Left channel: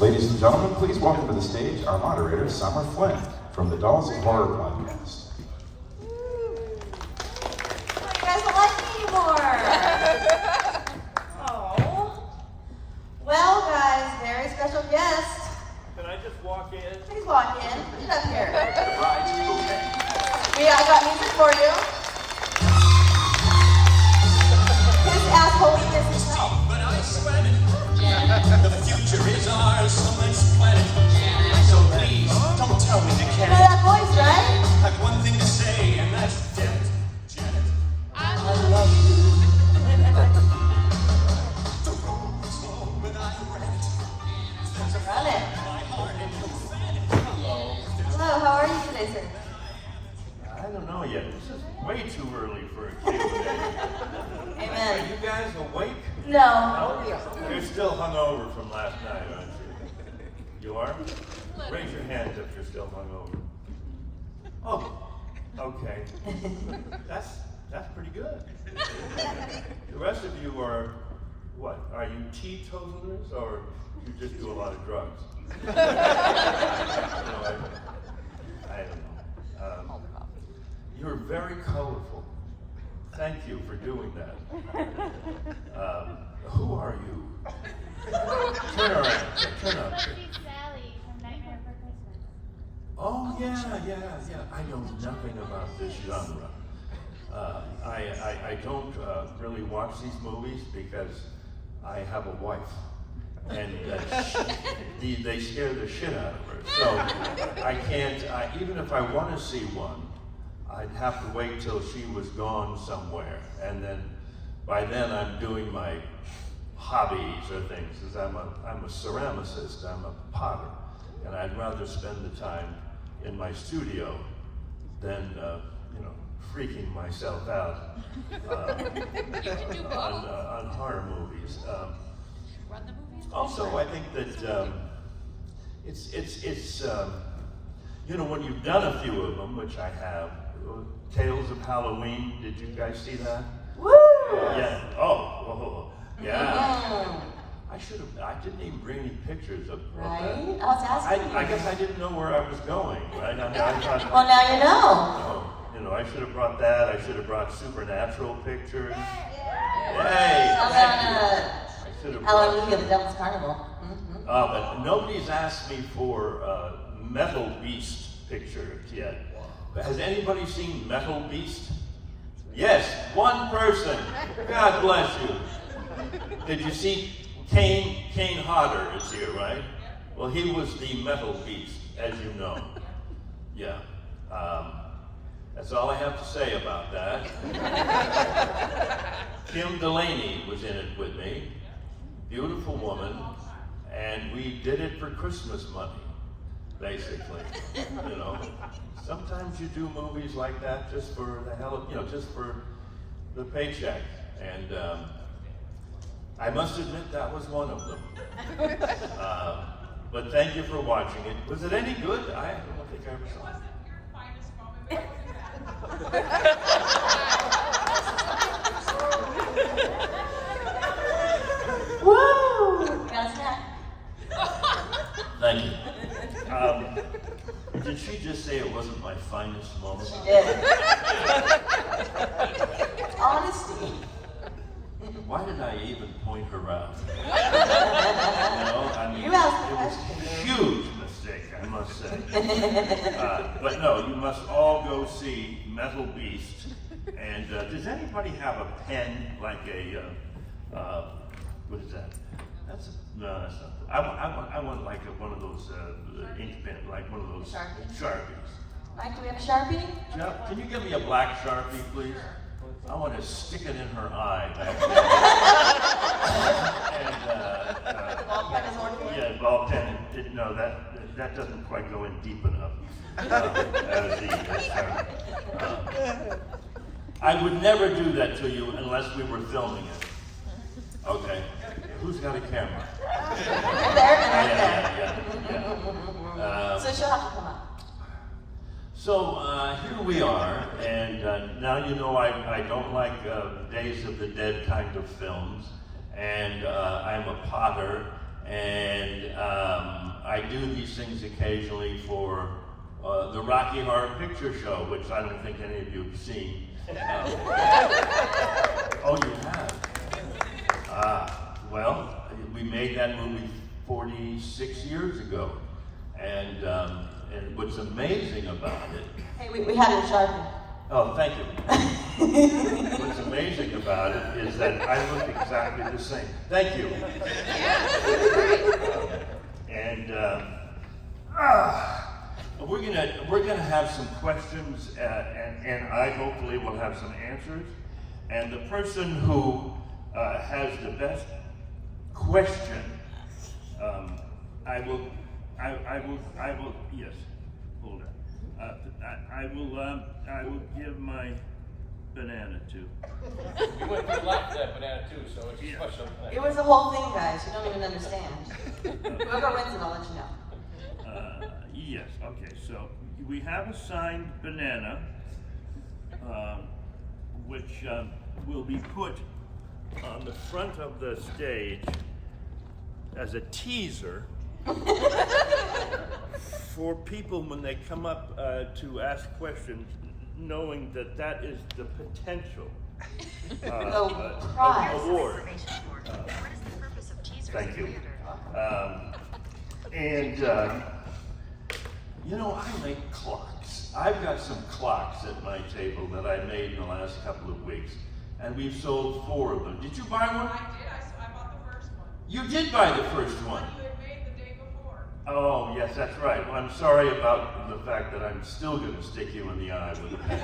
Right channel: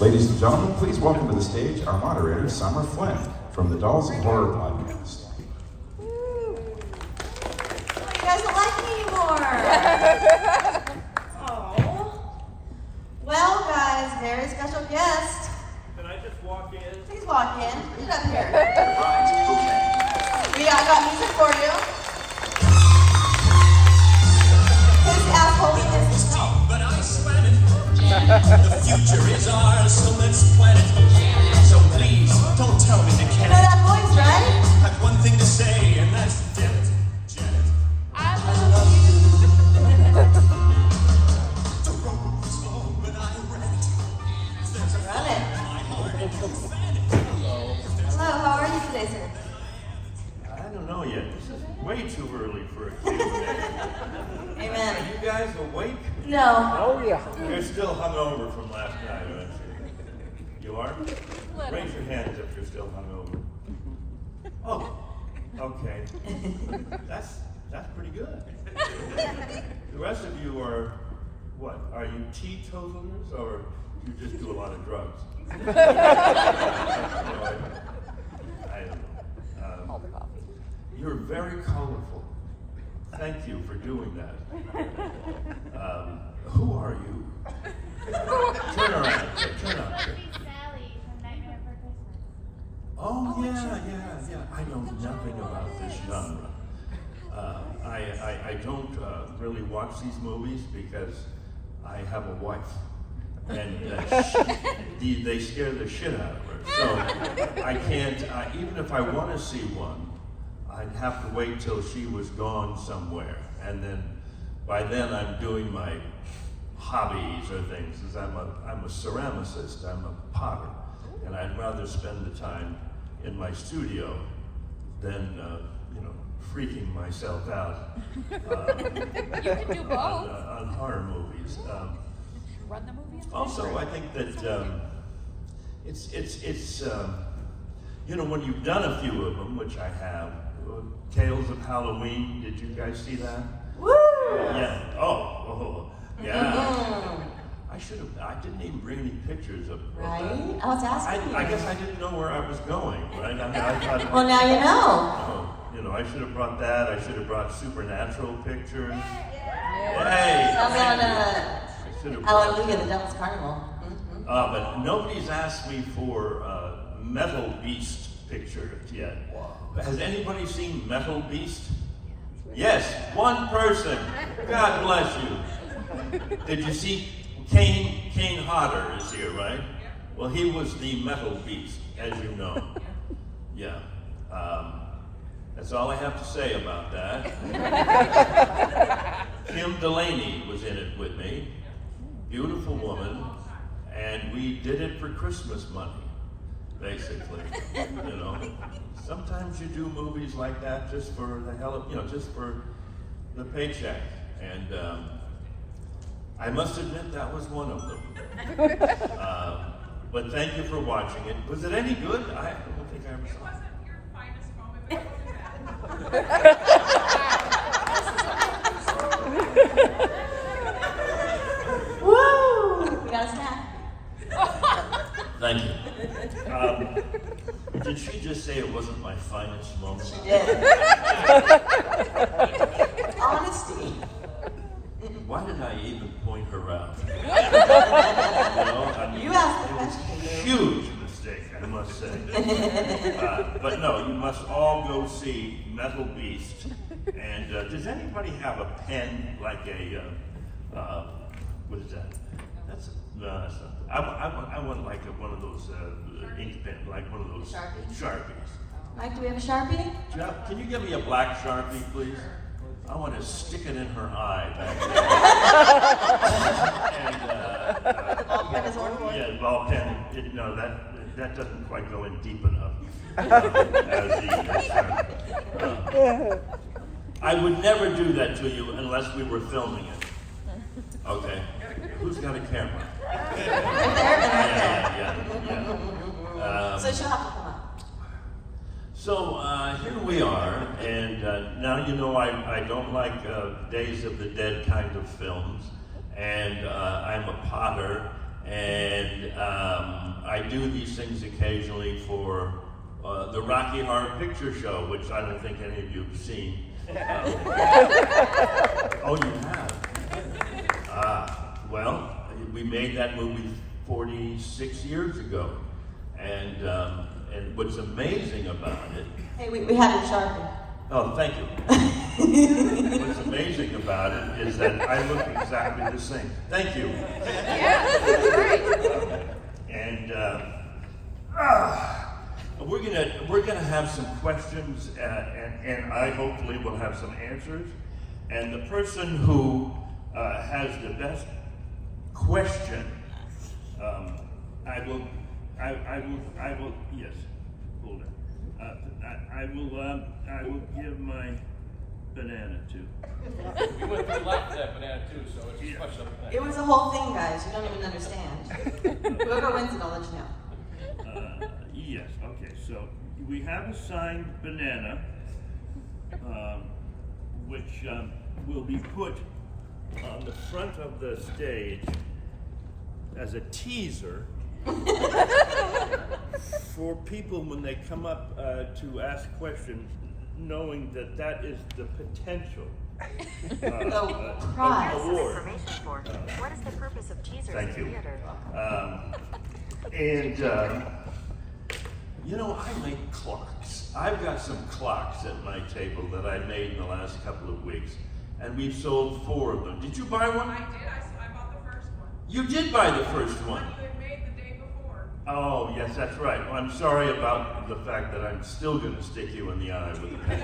Ladies and gentlemen, please welcome to the stage our moderator, Summer Flynn, from the Dolls of Horror podcast. Oh, you guys don't like me anymore. Oh. Well, guys, very special guest. Can I just walk in? Please walk in. Get up here. I got music for you. Please ask what we listen to. The future is ours, so let's plan it. So please, don't tell me to You can. know that voice, right? I have one thing to say, and that's Janet. Janet. To rose along without a rat. Run it. Hello. Hello, how are you today, sir? I don't know yet. This is way too early for a Q&A. Are Amen. you guys awake? No. Oh, yeah. You're still hungover from last night, aren't you? You are? Raise your hands if you're still hungover. Oh, okay. That's pretty good. The rest of you are, what? Are you teetotalers or you just do a lot of drugs? You know, I don't know. You're very colorful. Thank you for doing that. Who are you? Turn around. Turn up. Oh yeah. I know nothing about this genre. I don't really watch these movies because I have a wife, and they scare the shit out of her. So I can't. Even if I want to see one, I'd have to wait till she was gone somewhere, and then by then I'm doing my hobbies or things. Because I'm a ceramicist, I'm a potter, and I'd rather spend the time in my studio than freaking myself out on horror movies. Also, I think that it's when you've done a few of them, which I have. Tales of Halloween, did you guys see that? Woo! Yeah. Oh, yeah. I didn't even bring any pictures of that. Right? I was asking I guess I didn't know where I was going. Right? I thought, Well, now you know. I should have brought that. I should have brought supernatural pictures. Hey! No. Hallelujah, the Devil's Carnival. Mm-hmm. But nobody's asked me for Metal Beast picture yet. Has anybody seen Metal Beast? Yes, one person. God bless you. Did you see Kane Hodder is here, right? Well, he was the Metal Beast, as you know. Yeah. That's all I have to say about that. Kim Delaney was in it with me. Beautiful woman. And we did it for Christmas money, basically. Sometimes you do movies like that just for the hell of, just for the paycheck. And I must admit that was one of them. But thank you for watching it. Was it any good? I don't think I was. It wasn't your finest moment, but Woo! We got a snack. Thank you. Did she just say it wasn't my finest moment? She did. Honesty. Why did I even point her out? You asked the it was question, a dude. huge mistake, I must say. But no, you must all go see Metal Beast. And does anybody have a pen like a, what is that? No, that's not. I want like one of those ink pen, like one of those Sharpies. Mike, do we have a Sharpie? Jeff, can you give me a black Sharpie, please? I want to stick it in her eye. And, The ball pen doesn't work. yeah, ball pen. No, that doesn't quite go in deep enough. I would never do that to you unless we were filming it. Okay. Who's got a camera? Right there and right there. Yeah. So she'll have to come up. So here we are, and now you know I don't like Days of the Dead kind of films, and I'm a potter, and I do these things occasionally for the Rocky Horror Picture Show, which I don't think any of you have seen. Oh, you have? Well, we made that movie 46 years ago, and what's amazing about it. Hey, we had a Sharpie. Oh, thank you. What's amazing about it is that I look exactly the same. Thank you. And we're gonna have some questions, and I hopefully will have some answers. And the person who has the best question, I will. Yes, hold on. I will give my banana to. You're gonna like that banana too, so it's Yeah. special. It was a whole thing, guys. You don't even understand. Whoever wins it, I'll let you know. Yes, okay, so we have a signed banana, which will be put on the front of the stage as a teaser for people when they come up to ask questions, knowing that that is the potential Prize. award. What is the purpose of teasers Thank you. theater? You know, I make clocks. I've got some clocks at my table that I made in the last couple of weeks, and we've sold 4 of them. Did you buy one? I did, I bought the first one. You did buy the first one. One you had made the day before. Oh, yes, that's right. Well, I'm sorry about the fact that I'm still going to stick you in the eye with a pen.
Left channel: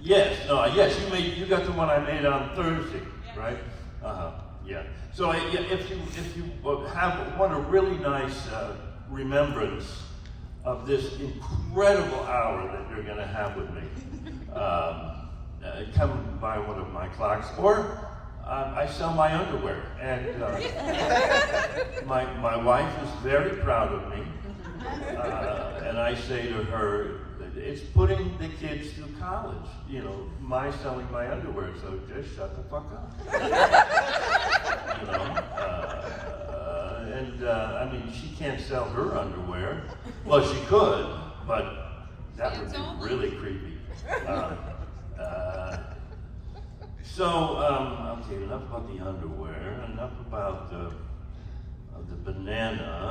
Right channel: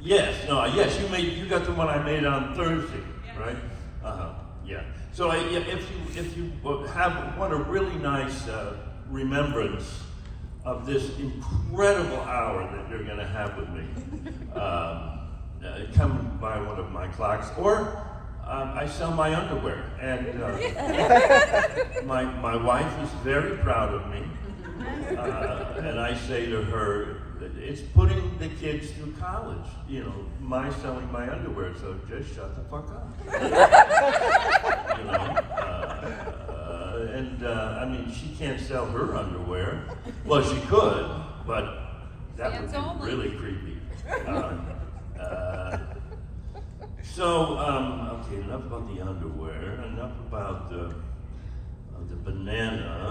Yes, you got the one I made on Thursday, right? Yeah. So if you want a really nice remembrance of this incredible hour that you're going to have with me, come buy one of my clocks, or I sell my underwear, and my wife is very proud of me, and I say to her, it's putting the kids through college, you know, my selling my underwear, so just shut the fuck up. You know, I mean, she can't sell her underwear. Well, she could, but that would be really creepy. Okay, enough about the underwear, enough about the banana.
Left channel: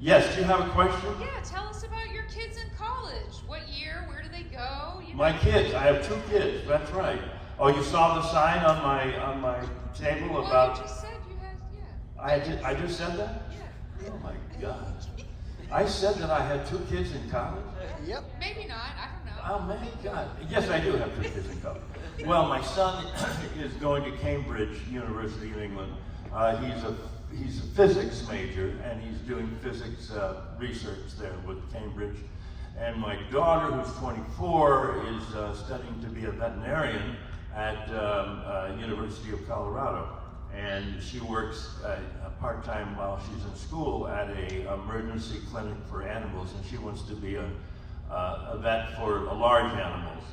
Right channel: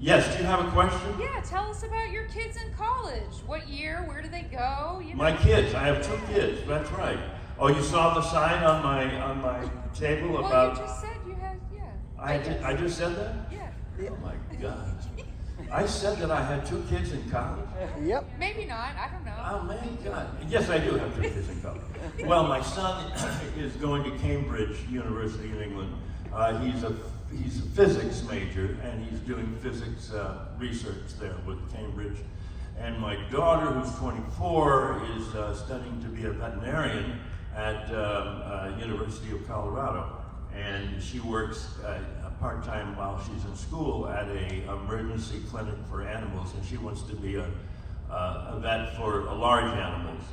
Yes, do you have a question? Yeah, tell us about your kids in college. What year? Where do they go? My kids, I have 2 kids, that's right. Oh, you saw the sign on my table Well, about... you just said you had, I just said that? yeah. Oh my God. I said that I had 2 kids in college? Maybe not, I don't know. Oh my God. Yes, I do have 2 kids in college. Well, my son is going to Cambridge University in England. He's a physics major, and he's doing physics research there with Cambridge. And my daughter, who's 24, is studying to be a veterinarian at University of Colorado. And she works part-time while she's in school at a emergency clinic for animals, and she wants to be a vet for large animals.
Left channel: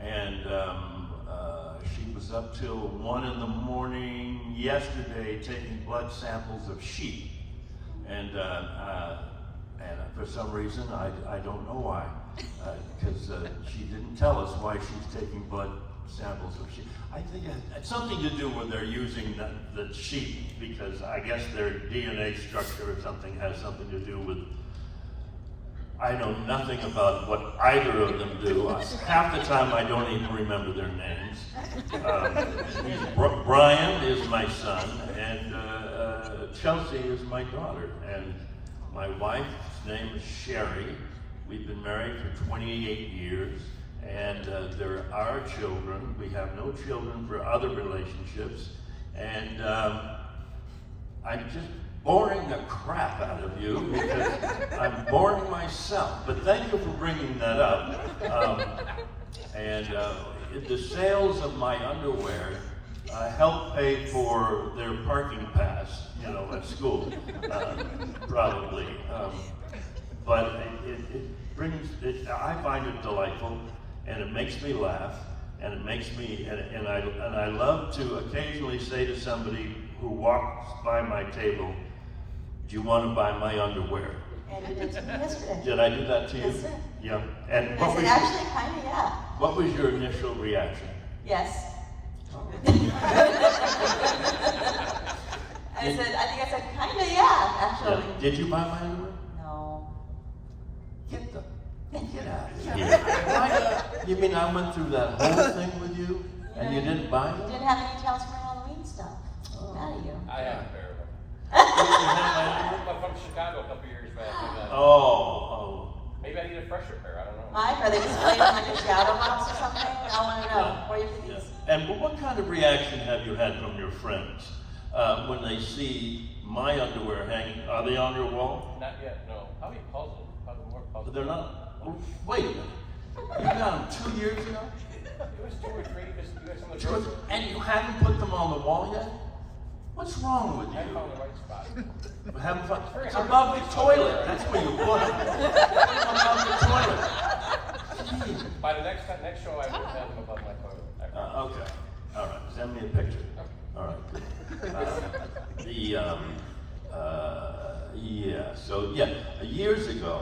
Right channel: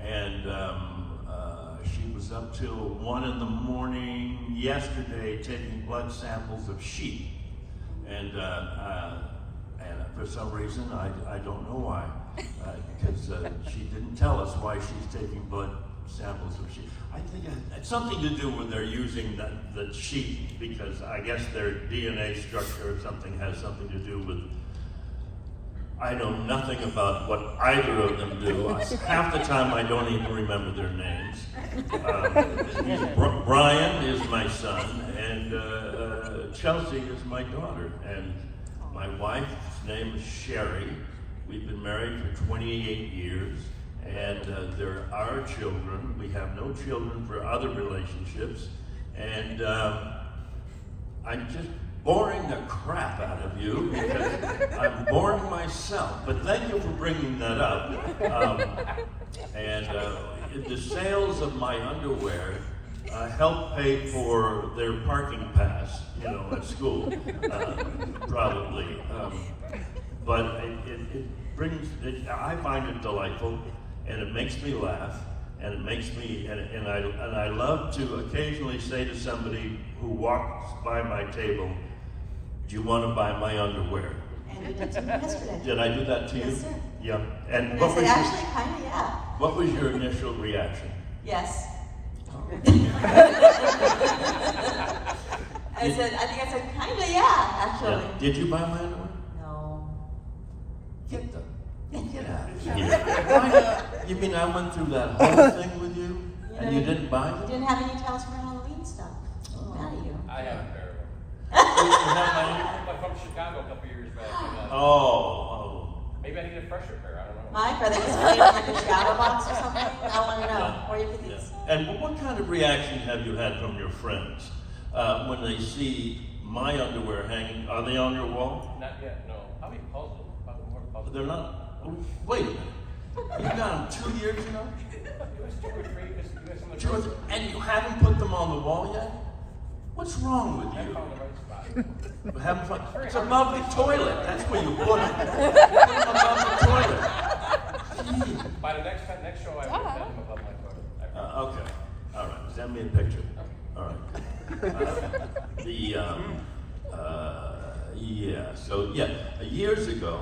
And she was up till 1 in the morning yesterday taking blood samples of sheep. And for some reason, I don't know why, because she didn't tell us why she's taking blood samples of sheep. I think it's something to do with they're using the sheep, because I guess their DNA structure or something has something to do with, I know nothing about what either of them do. Half the time I don't even remember their names. Brian is my son, and Chelsea is my daughter. And my wife's name is Sherry. We've been married for 28 years, and there are children. We have no children for other relationships, and I'm just boring the crap out of you because I'm boring myself. But thank you for bringing that up. The sales of my underwear help pay for their parking pass, you know, at school, probably. But it brings, I find it delightful, and it makes me laugh. And it makes me, and I love to occasionally say to somebody who walks by my table, do you want to buy my underwear? And you did to me yesterday. Did I do that to you? Yes, sir. Yeah. And And what I was said, your, actually, kind of, yeah. what was your initial reaction? Yes. I think I said, kind of, yeah, actually. Yeah. Did you buy my underwear? No. Get the Get out of here. Why not? You mean I went through that whole thing with you and you didn't buy You it? didn't have any towels for Halloween stuff. None of you. I have a pair You didn't have mine? from Chicago a couple years back. Oh. Maybe I need a fresher pair, I don't know. Mine, are they just laying in your shower box or something? I want to know. Where you put Yeah. these? And what kind of reaction have you had from your friends when they see my underwear hanging? Are they on your wall? Not yet, no. I'll be puzzled. Probably more puzzled. They're not. Wait a minute. You got them 2 years ago? It was 2 or 3. It was in the And you haven't put them on the wall yet? What's wrong with I you? found the right spot. You haven't fun. It's above the toilet. That's where you put it. It's above the toilet. Gee. By the next show, I will have them above my toilet. Okay. All right. Send me a picture. All right. Yeah. So yeah, years ago,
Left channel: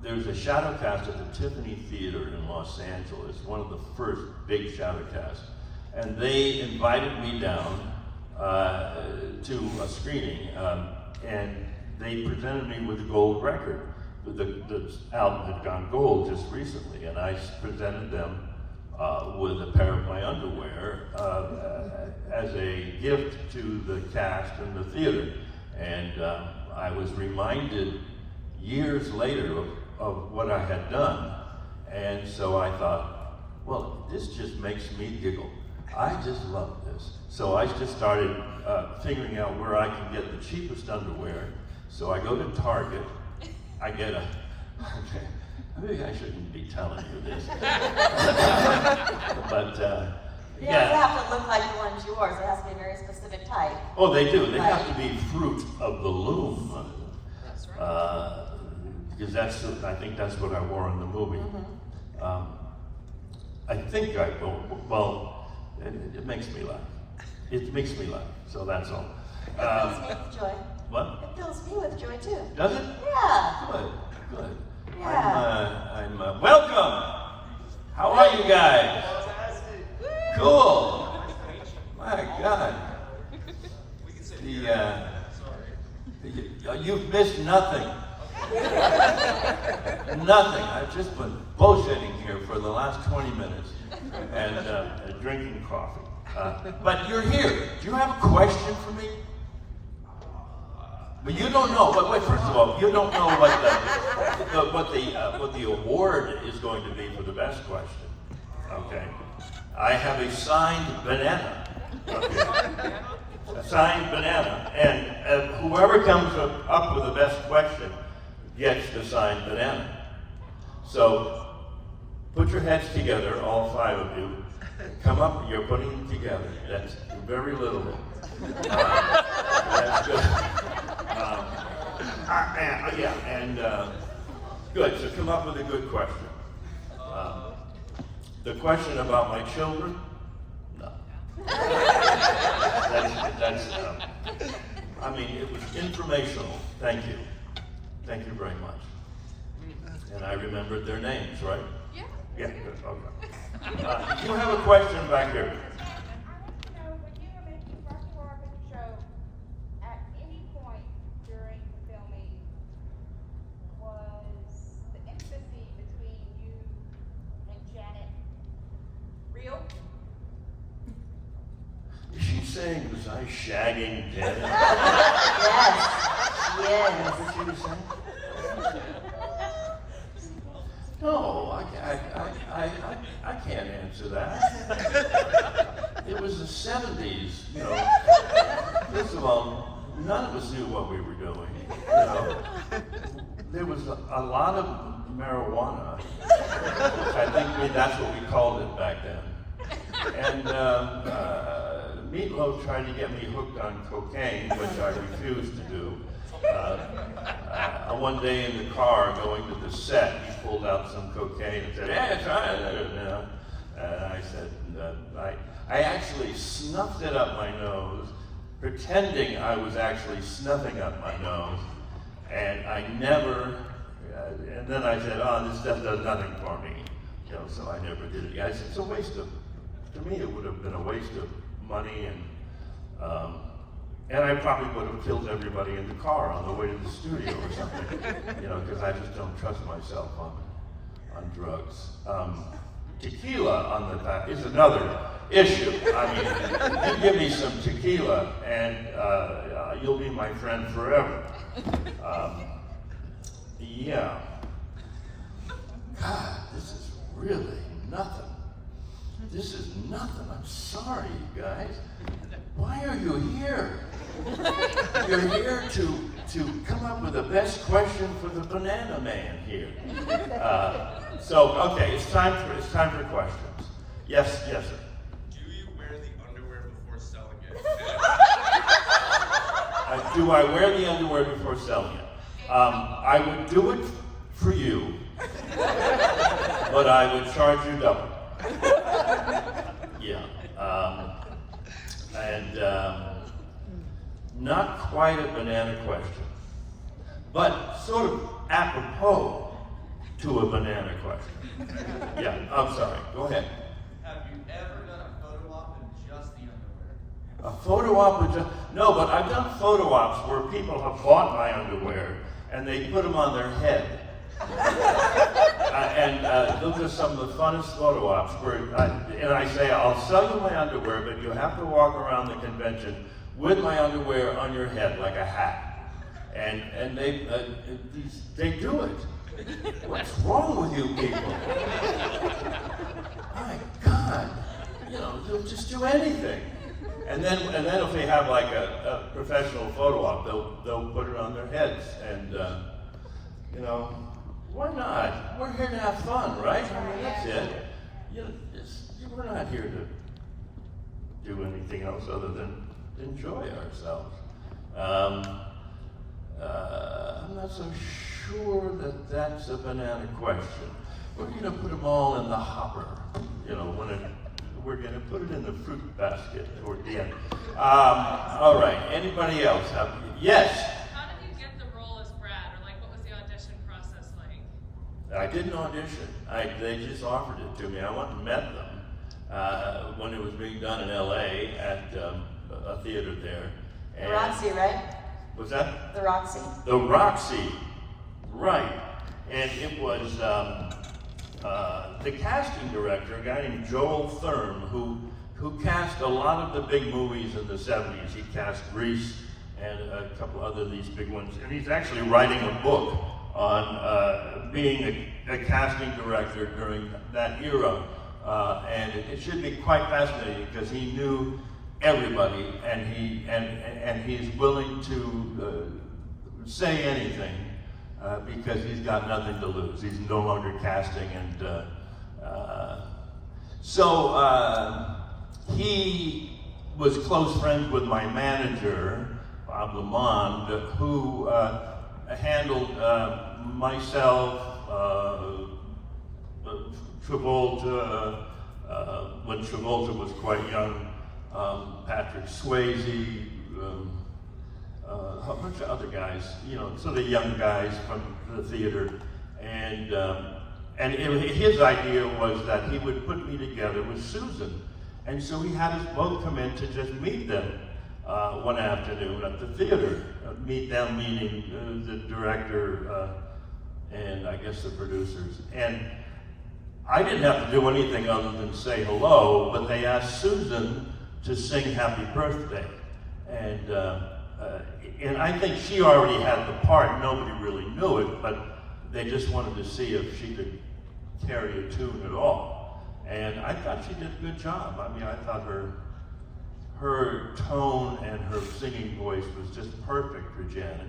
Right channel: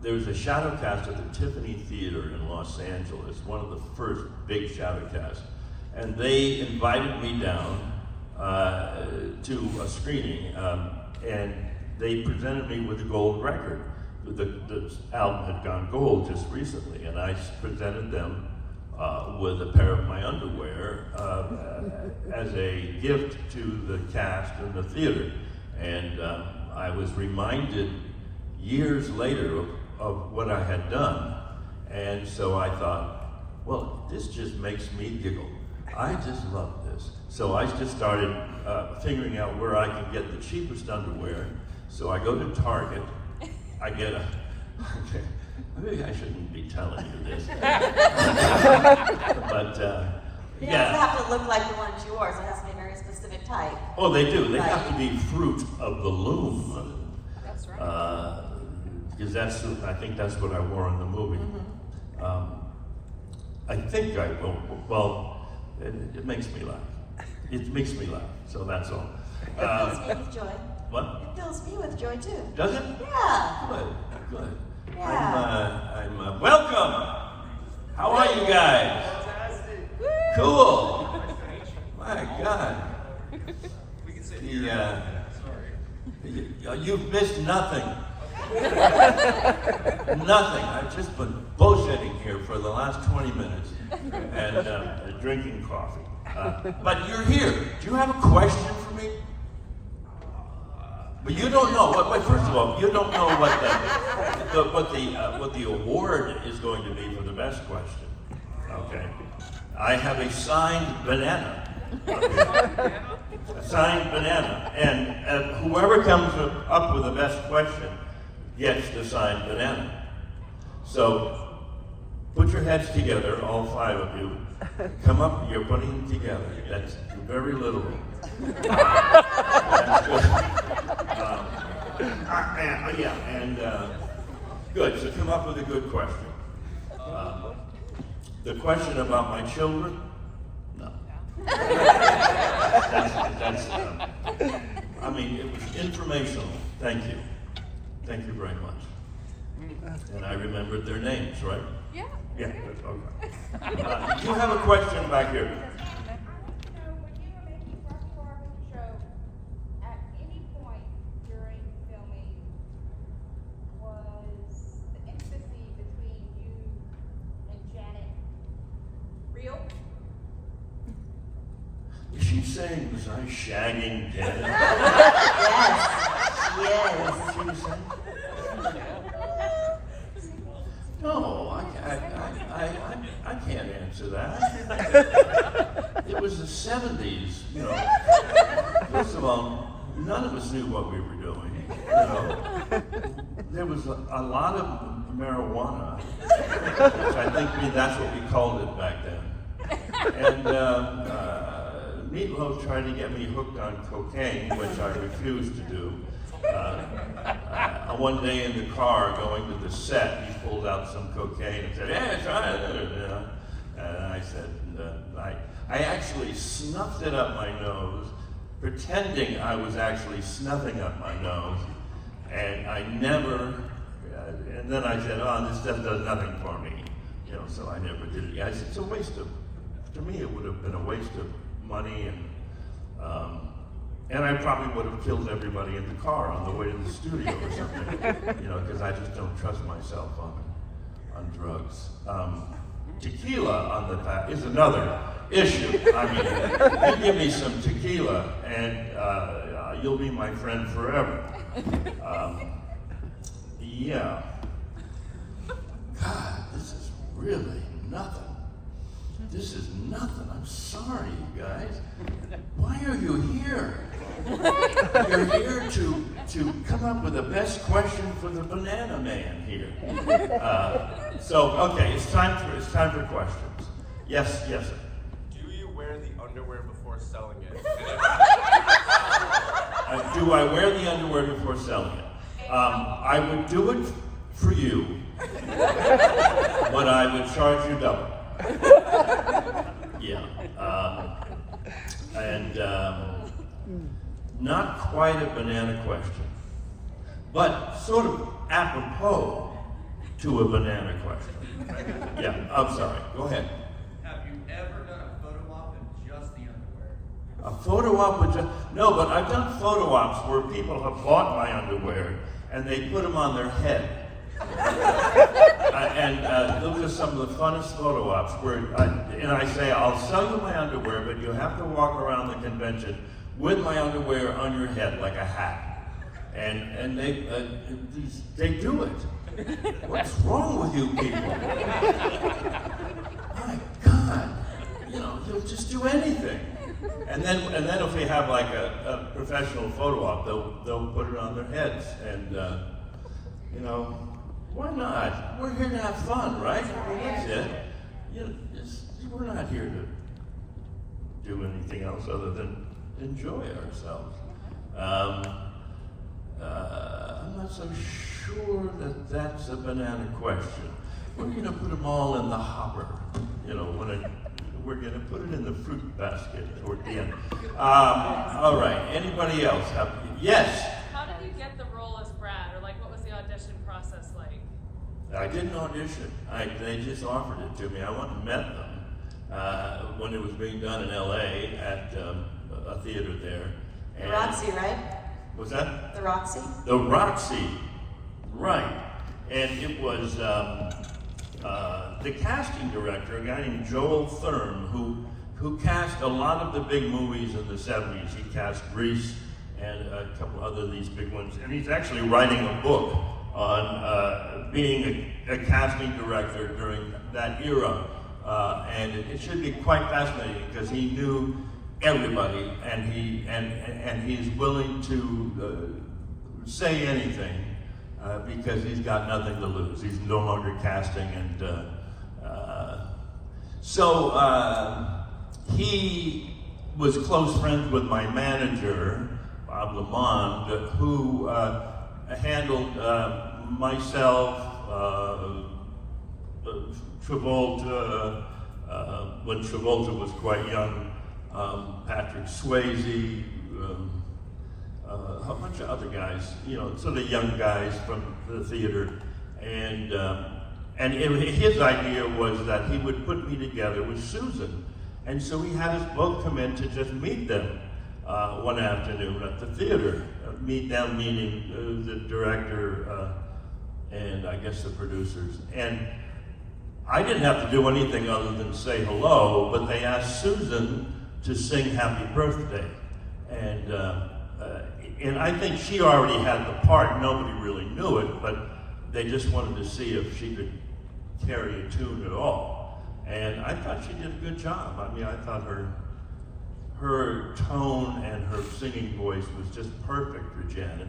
there was a shadow cast at the Tiffany Theater in Los Angeles, one of the first big shadow casts, and they invited me down to a screening, and they presented me with a gold record. The album had gone gold just recently, and I presented them with a pair of my underwear as a gift to the cast in the theater. And I was reminded years later of what I had done. And so I thought, well, this just makes me giggle. I just love this. So I just started figuring out where I can get the cheapest underwear. So I go to Target, I get a, maybe I shouldn't be telling you this. But It yeah. doesn't have to look like the one's yours. It has to be a very specific type. Oh, they do. They have to be fruit of the loom. That's right. Because I think that's what I wore in the movie. I think I go, well, it makes me laugh. It makes me laugh, so that's all. It fills me with joy. What? It fills me with joy too. Does it? Yeah. Good. Yeah. I'm welcome. How are you guys? Cool. My God. You've missed nothing. Nothing. I've just been bullshitting here for the last 20 minutes and drinking coffee. But you're here. Do you have a question for me? But you don't know. First of all, you don't know what the award is going to be for the best question. Okay. I have a signed banana. A signed banana. And whoever comes up with the best question gets the signed banana. So put your heads together, all 5 of you. Come up, you're putting them together. That's very little. That's good. Good, so come up with a good question. The question about my children? No. I mean, it was informational. Thank you. Thank you very much. And I remembered their names, right? Yeah. Yeah, good, okay. Do you have a question back here? Is she saying, was I shagging Janet? Yes. Is Yes. that what she was saying? No, I can't answer that. It was the 70s, you know. First of all, none of us knew what we were doing. You know. There was a lot of marijuana. I think that's what we called it back then. And Meatloaf tried to get me hooked on cocaine, which I refused to do. One day in the car going to the set, he pulled out some cocaine and said, "Yeah, try it." And I said, I actually snuffed it up my nose, pretending I was actually snuffing up my nose, and I never, and then I said, oh, this stuff does nothing for me, so I never did it. I said, it's a waste of, to me it would have been a waste of money, and I probably would have killed everybody in the car on the way to the studio or something, because I just don't trust myself on drugs. Tequila on the back is another issue. I mean, you give me some tequila and you'll be my friend forever. Yeah. God, this is really nothing. This is nothing. I'm sorry, you guys. Why are you here? You're here to come up with the best question for the banana man here. Okay, it's time for questions. Yes. Do you wear the underwear before selling it? Do I wear the underwear before selling it? I would do it for you, but I would charge you double. Yeah. Not quite a banana question, but sort of apropos to a banana question. Yeah, I'm sorry, go ahead. Have you ever done a photo op in just the underwear? A photo op with just, no, but I've done photo ops where people have bought my underwear and they put them on their head. And those are some of the funnest photo ops where, and I say, I'll sell you my underwear, but you have to walk around the convention with my underwear on your head like a hat. And they do it. What's wrong with you people? My God, they'll just do anything. And then if they have like a professional photo op, they'll put it on their heads. And why not? We're here to have fun, right? I mean, that's it. We're not here to do anything else other than enjoy ourselves. I'm not so sure that that's a banana question. We're going to put them all in the hopper. We're going to put it in the fruit basket toward the end. All right. Anybody else? Yes. How did you get the role as Brad, or what was the audition process like? I didn't audition. They just offered it to me. I went and met them when it was being done in L.A. at a theater there. The Roxy, right? Was that? The Roxy. The Roxy, right. And it was the casting director, a guy named Joel Thurm, who cast a lot of the big movies in the 70s. He cast Grease and a couple other of these big ones. And he's actually writing a book on being a casting director during that era. And it should be quite fascinating because he knew everybody, and he's willing to say anything because he's got nothing to lose. He's no longer casting, and so he was close friends with my manager, Bob Lamond, who handled myself, Travolta, when Travolta was quite young, Patrick Swayze, a bunch of other guys, sort of young guys from the theater, and his idea was that he would put me together with Susan, and so we had us both come in to just meet them one afternoon at the theater. Meet them, meaning the director and I guess the producers, and I didn't have to do anything other than say hello, but they asked Susan to sing Happy Birthday. And I think she already had the part. Nobody really knew it, but they just wanted to see if she could carry a tune at all. And I thought she did a good job. I mean, I thought her tone and her singing voice was just perfect for Janet.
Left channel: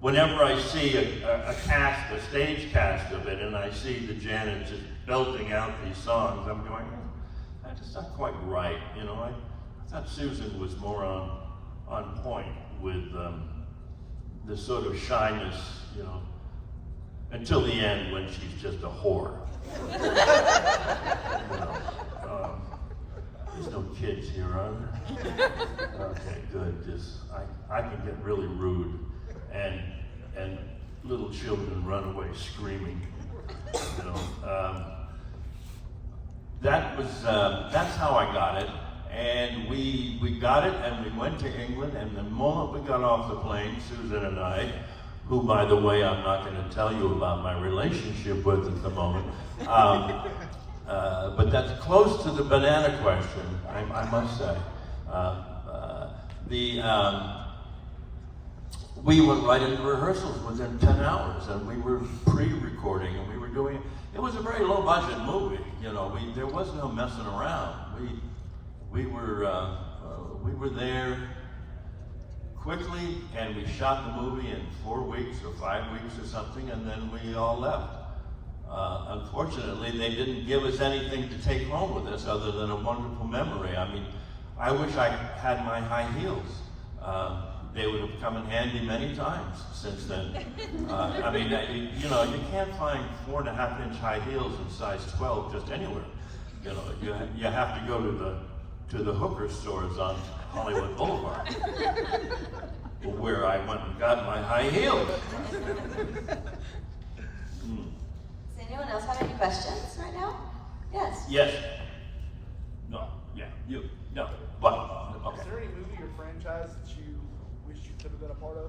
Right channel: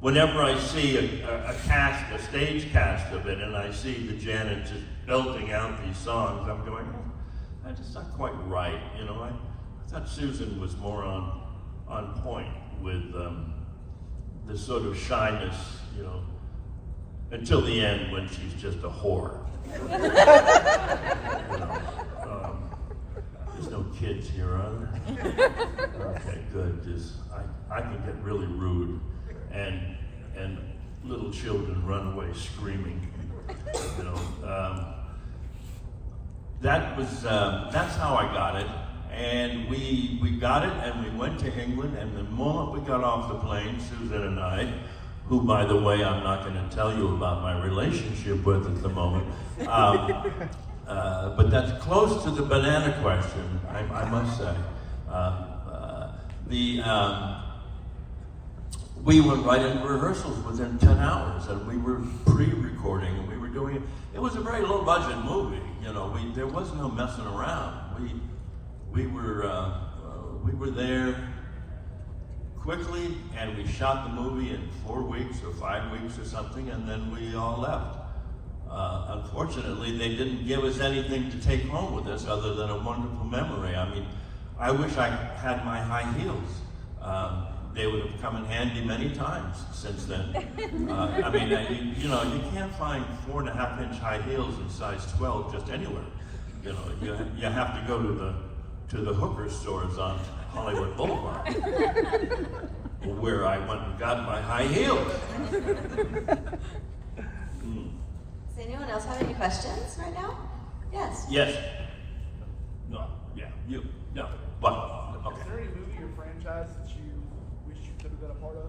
Whenever I see a stage cast of it, and I see the Janet just belting out these songs, I'm going, that's just not quite right. I thought Susan was more on point with the sort of shyness, until the end when she's just a whore. There's no kids here, are there? Okay, good. Just I can get really rude, and little children run away screaming. You know, that's how I got it, and we got it, and we went to England, and the moment we got off the plane, Susan and I, who, by the way, I'm not going to tell you about my relationship with at the moment, but that's close to the banana question, I must say. We went right into rehearsals within 10 hours, and we were pre-recording, and we were doing, it was a very low-budget movie, you know, there was no messing around. We were there quickly, and we shot the movie in 4 weeks or 5 weeks or something, and then we all left. Unfortunately, they didn't give us anything to take home with us other than a wonderful memory. I mean, I wish I had my high heels. They would have come in handy many times since then. I mean, you know, you can't find 4.5-inch high heels in size 12 just anywhere. You know, you have to go to the hooker stores on Hollywood Boulevard, where I went and got my high heels. Does anyone else have any questions right now? Yes. Yes. No. Yeah. You. No. Well. Okay. Is there any movie or franchise that you wish you could have been a part of?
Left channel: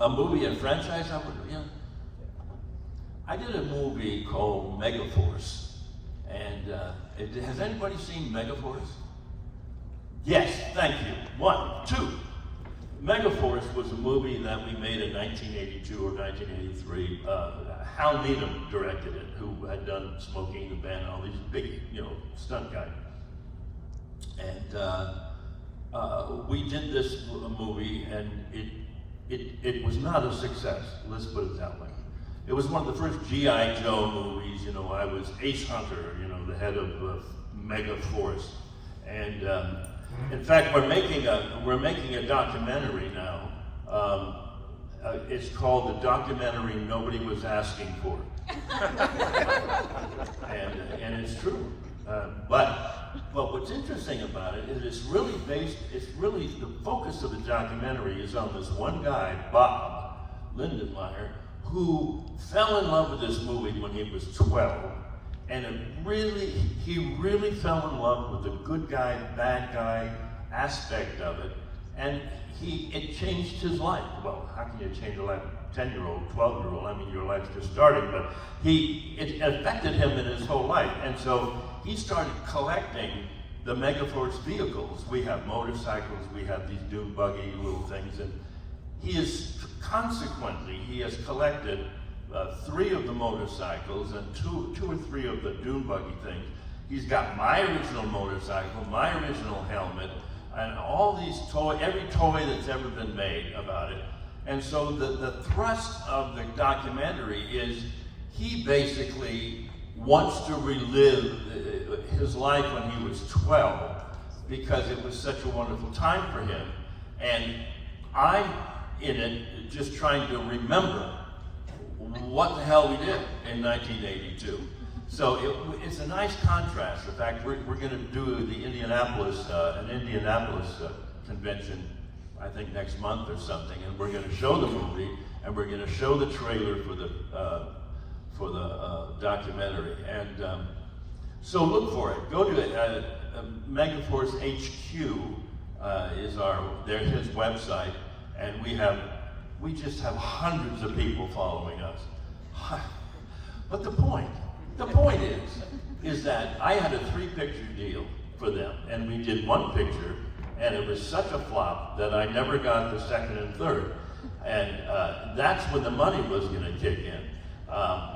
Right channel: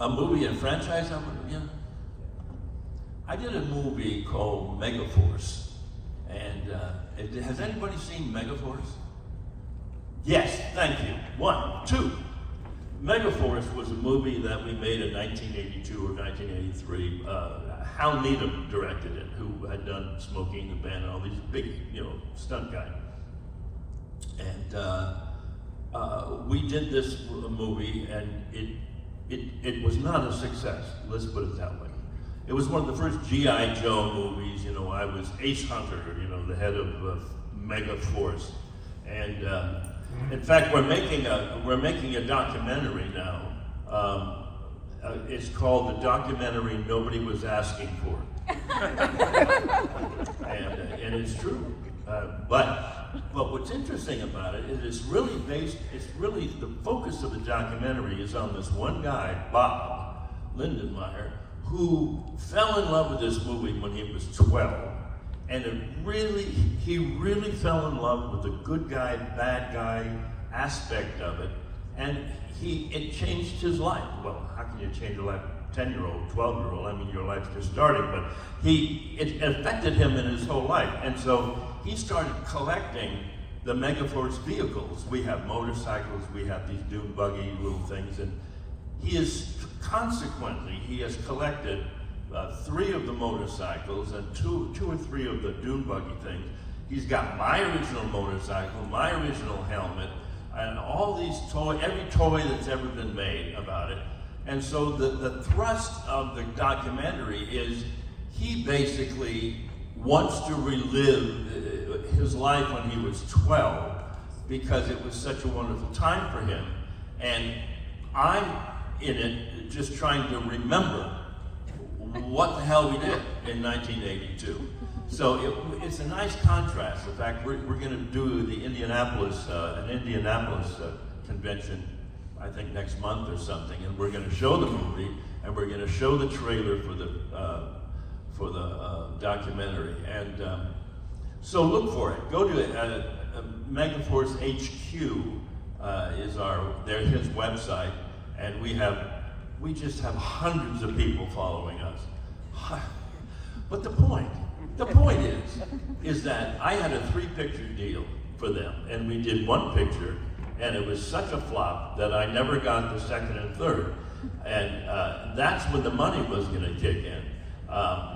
A movie and franchise? Yeah. I did a movie called Megaforce, and has anybody seen Megaforce? Yes, thank you. 1, 2. Megaforce was a movie that we made in 1982 or 1983. Hal Needham directed it, who had done Smokey and the Bandit, all these big, you know, stunt guys. And we did this movie, and it was not a success. Let's put it that way. It was one of the first G.I. Joe movies. You know, I was Ace Hunter, you know, the head of Megaforce, and in fact, we're making a documentary now. It's called The Documentary Nobody Was Asking For. and it's true. But what's interesting about it is it's really the focus of the documentary is on this one guy, Bob Lindenmeyer, who fell in love with this movie when he was 12. And he really fell in love with the good guy, bad guy aspect of it. And it changed his life. Well, how can you change a life? 10-year-old, 12-year-old, I mean, your life's just starting, but it affected him in his whole life. And so he started collecting the Megaforce vehicles. We have motorcycles, we have these dune buggy little things, and he has collected 3 of the motorcycles and two or three of the dune buggy things. He's got my original motorcycle, my original helmet, and all these every toy that's ever been made about it. And so the thrust of the documentary is he basically wants to relive his life when he was 12 because it was such a wonderful time for him. And I'm in it just trying to remember what the hell we did in 1982. So it's a nice contrast. In fact, we're going to do the Indianapolis convention, I think next month or something, and we're going to show the movie, and we're going to show the trailer for the documentary. And so look for it. Go to Megaforce HQ there's his website, and we just have hundreds of people following us. But the point is that I had a 3-picture deal for them, and we did 1 picture, and it was such a flop that I never got the 2nd and 3rd, and that's when the money was going to kick in.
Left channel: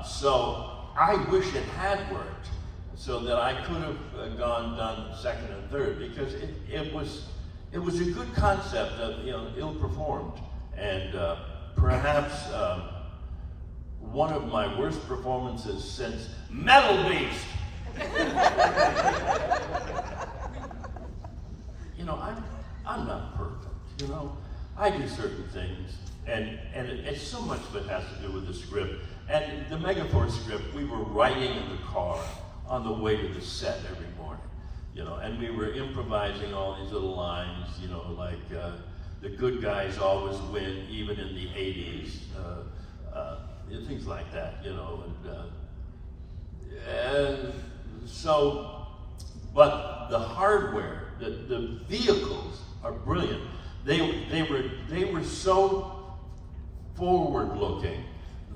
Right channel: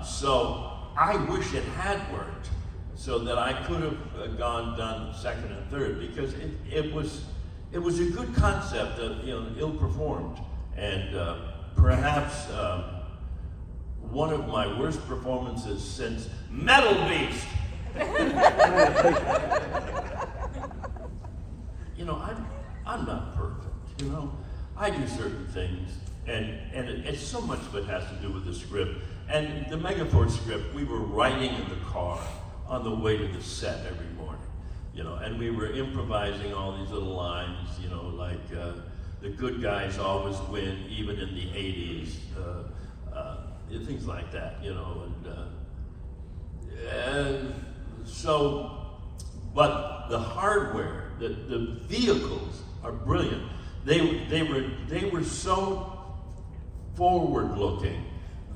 So I wish it had worked, so that I could have done 2nd and 3rd, because it was a good concept of, you know, ill-performed, and perhaps one of my worst performances since Metal Beast. You know, I'm not perfect. You know, I do certain things, and it's so much that has to do with the script. And the Megaforce script, we were writing in the car on the way to the set every morning, you know, and we were improvising all these little lines, you know, like the good guys always win, even in the 80s, things like that, you know, and so, but the hardware, the vehicles are brilliant. They were so forward-looking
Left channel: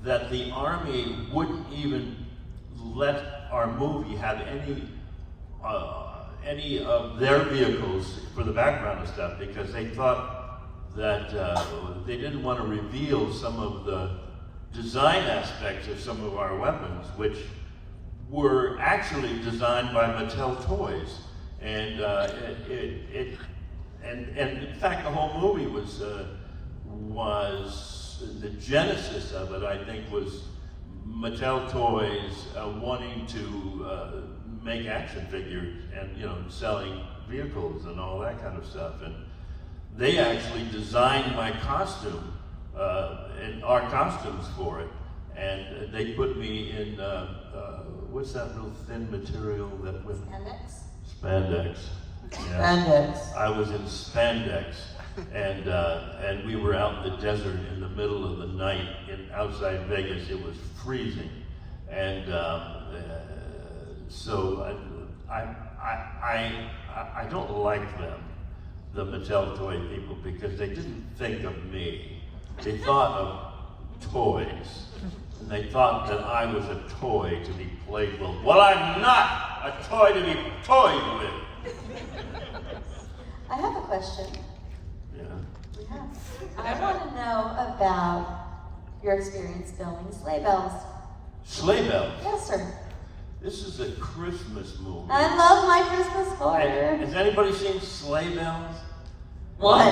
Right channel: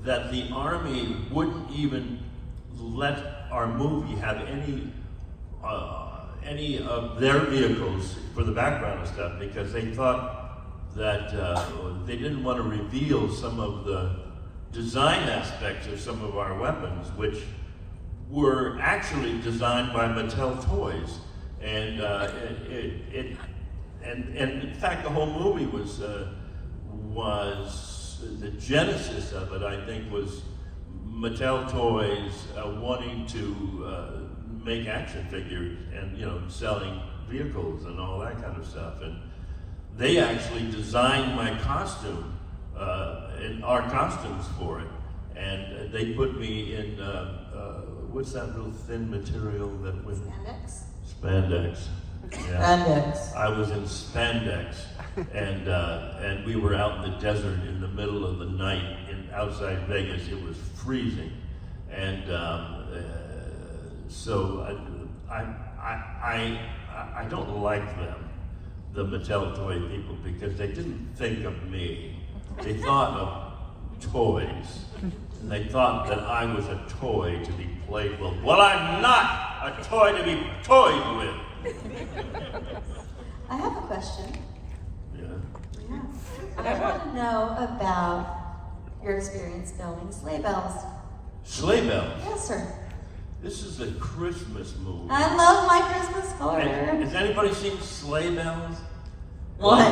that the Army wouldn't even let our movie have any of their vehicles for the background and stuff, because they thought that they didn't want to reveal some of the design aspects of some of our weapons, which were actually designed by Mattel Toys, and in fact the whole movie was the genesis of it, I think, was Mattel Toys wanting to make action figures and, you know, selling vehicles and all that kind of stuff. And they actually designed my costume and our costumes for it. And they put me in, what's that little thin material that was? Spandex? Spandex. Yeah. Spandex. I was in spandex. And we were out in the desert in the middle of the night outside Vegas. It was freezing, and so I don't like them, the Mattel toy people, because they didn't think of me. They thought of toys, and they thought that I was a toy to be played with. Well, I'm not a toy to be toyed with. I have a question. Yeah. I want to know about your experience filming Sleigh Bells. Sleigh Bells. Yes, sir. This is a Christmas movie. I love my Christmas score. Has anybody seen Sleigh Bells? One.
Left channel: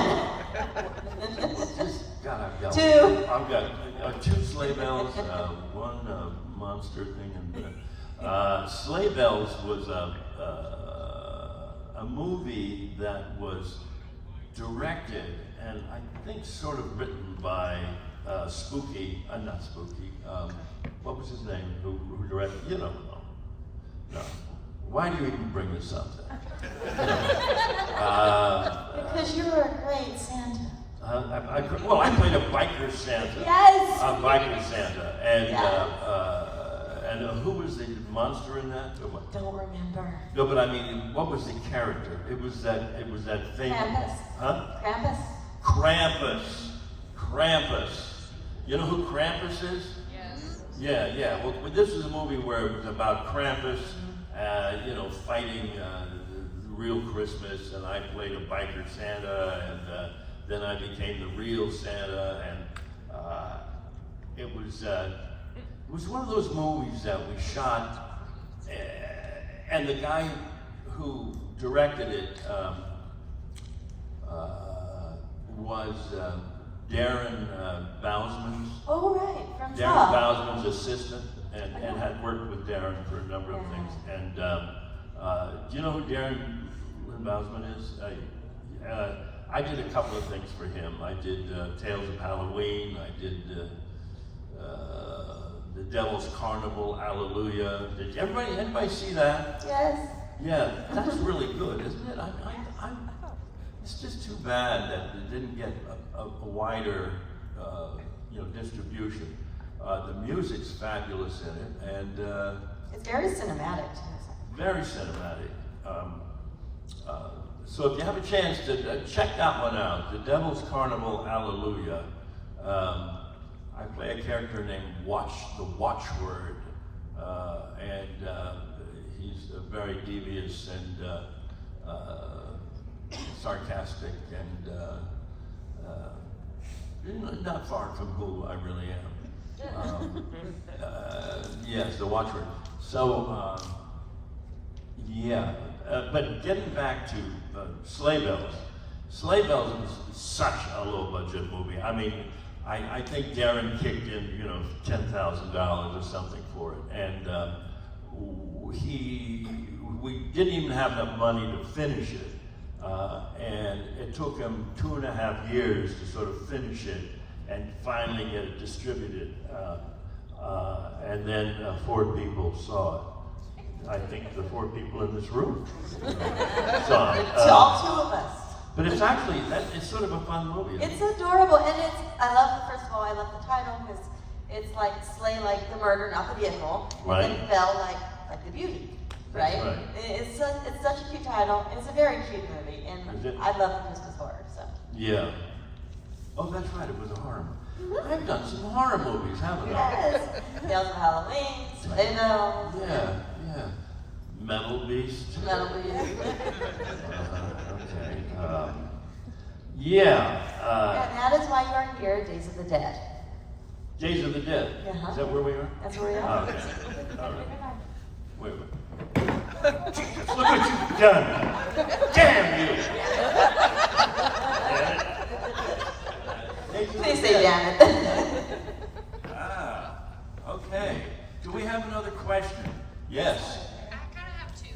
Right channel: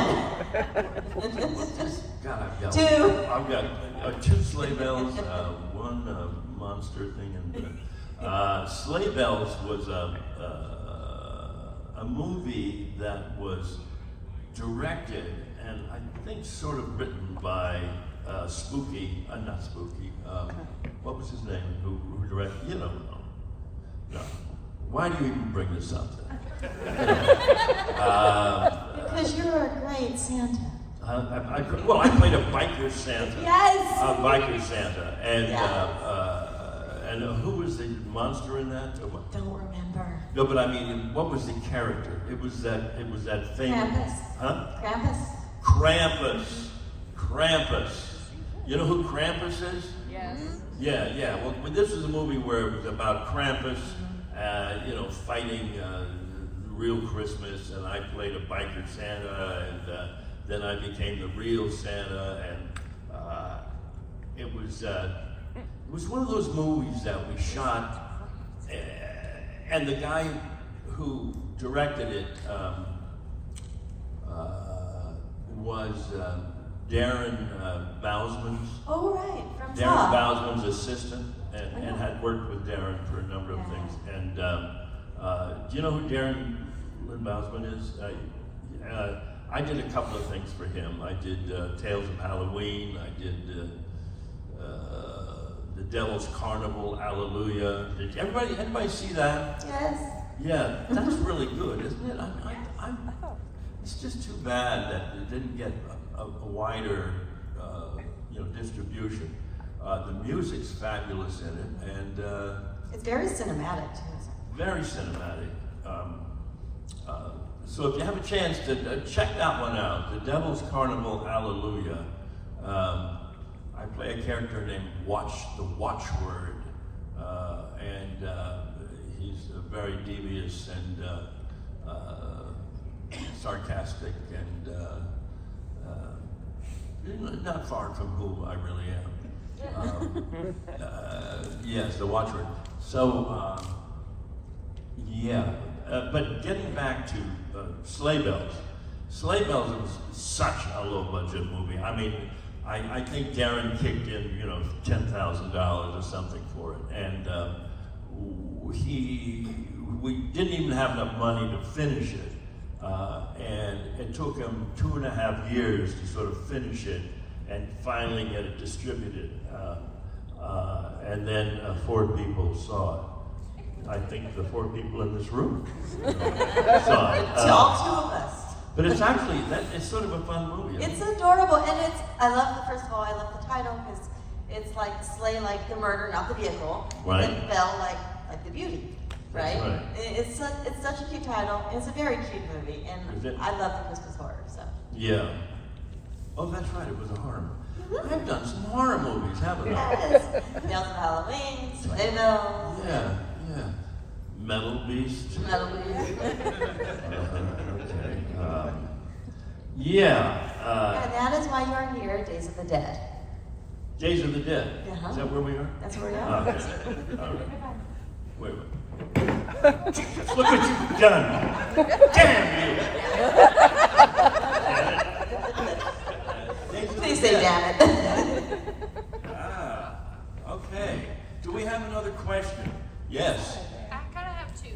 God, I've got Two. I've got 2 Sleigh Bells, one monster thing, and Sleigh Bells was a movie that was directed and I think sort of written by Spooky, not Spooky, what was his name, who directed, you know, no. Why do you even bring this up then? Because you were a great Santa. I played a biker Santa. Yes! A biker Santa. And, Yes. And who was the monster in that? Don't remember. No, but I mean, what was the character? It was that thing. Krampus. Huh? Krampus. Krampus. You know who Krampus is? Yes. Yeah. Well, this is a movie where it was about Krampus, you know, fighting real Christmas, and I played a biker Santa, and then I became the real Santa, and it was one of those movies that we shot, and the guy who directed it was Darren Bousman. Oh, right, from Darren Saw. Bousman's assistant, and had worked with Darren for a number of things. And do you know who Darren Bousman is? I did a couple of things for him. I did Tales of Halloween. I did The Devil's Carnival, Hallelujah. Did anybody see that? Yes. Yeah, that's really good, isn't it? It's just too bad that it didn't get a wider, distribution. The music's fabulous in it, and It's very cinematic, too. very cinematic. So if you have a chance to check that one out, The Devil's Carnival, Hallelujah. I play a character named the Watchword, and he's very devious and sarcastic, and not far from who I really am. Yes, the Watchword. So, but getting back to Sleigh Bells. Sleigh Bells was such a low-budget movie. I mean, I think Darren kicked in, $10,000 or something for it, and we didn't even have enough money to finish it, and it took him 2.5 years to sort of finish it and finally get it distributed. And then 4 people saw it. I think the 4 people in this room saw it. So all 2 of us. But it's actually, it's sort of a fun movie. It's adorable, and I love, first of all, I love the title, because it's like slay like the murder, not the vehicle, Right. and bell like the beauty, right? That's right. It's such a cute title. It's a very cute movie, Is and it? I love the Christmas horror, so. Yeah. Oh, that's right, it was a horror movie. I've done some horror movies, haven't I? Yes, Tales of Halloween, they know. Yeah. Metal Beast. Metal Beast. Okay. And that is why you're here, Days of the Dead. Days of the Dead. Uh-huh. Is that where we are? That's where we are. Okay. Wait. Look what you've done. Damn you. Please say damn it. Okay. Do we have another question? Yes. I kind of have 2.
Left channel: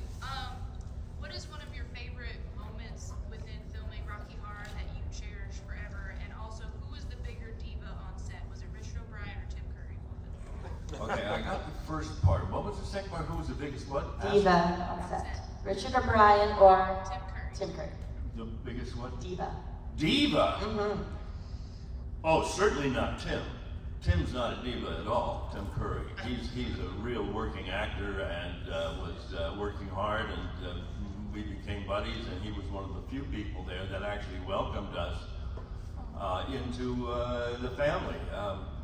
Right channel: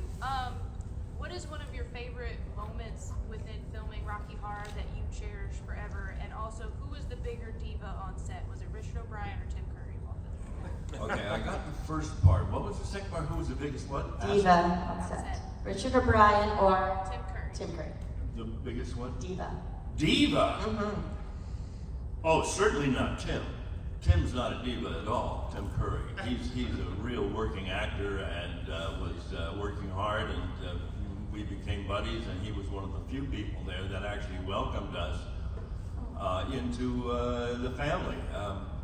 What is one of your favorite moments within filming Rocky Horror that you cherish forever? And also, who was the bigger diva on set? Was it Richard O'Brien or Tim Curry while filming? Okay, I got the first part. What was the second part? Who was the biggest what? Diva on set. Richard O'Brien or Tim Curry. Tim Curry. The biggest one? Diva. Diva? Mm-hmm. Oh, certainly not Tim. Tim's not a diva at all, Tim Curry. He's a real working actor and was working hard, and we became buddies, and he was one of the few people there that actually welcomed us into the family.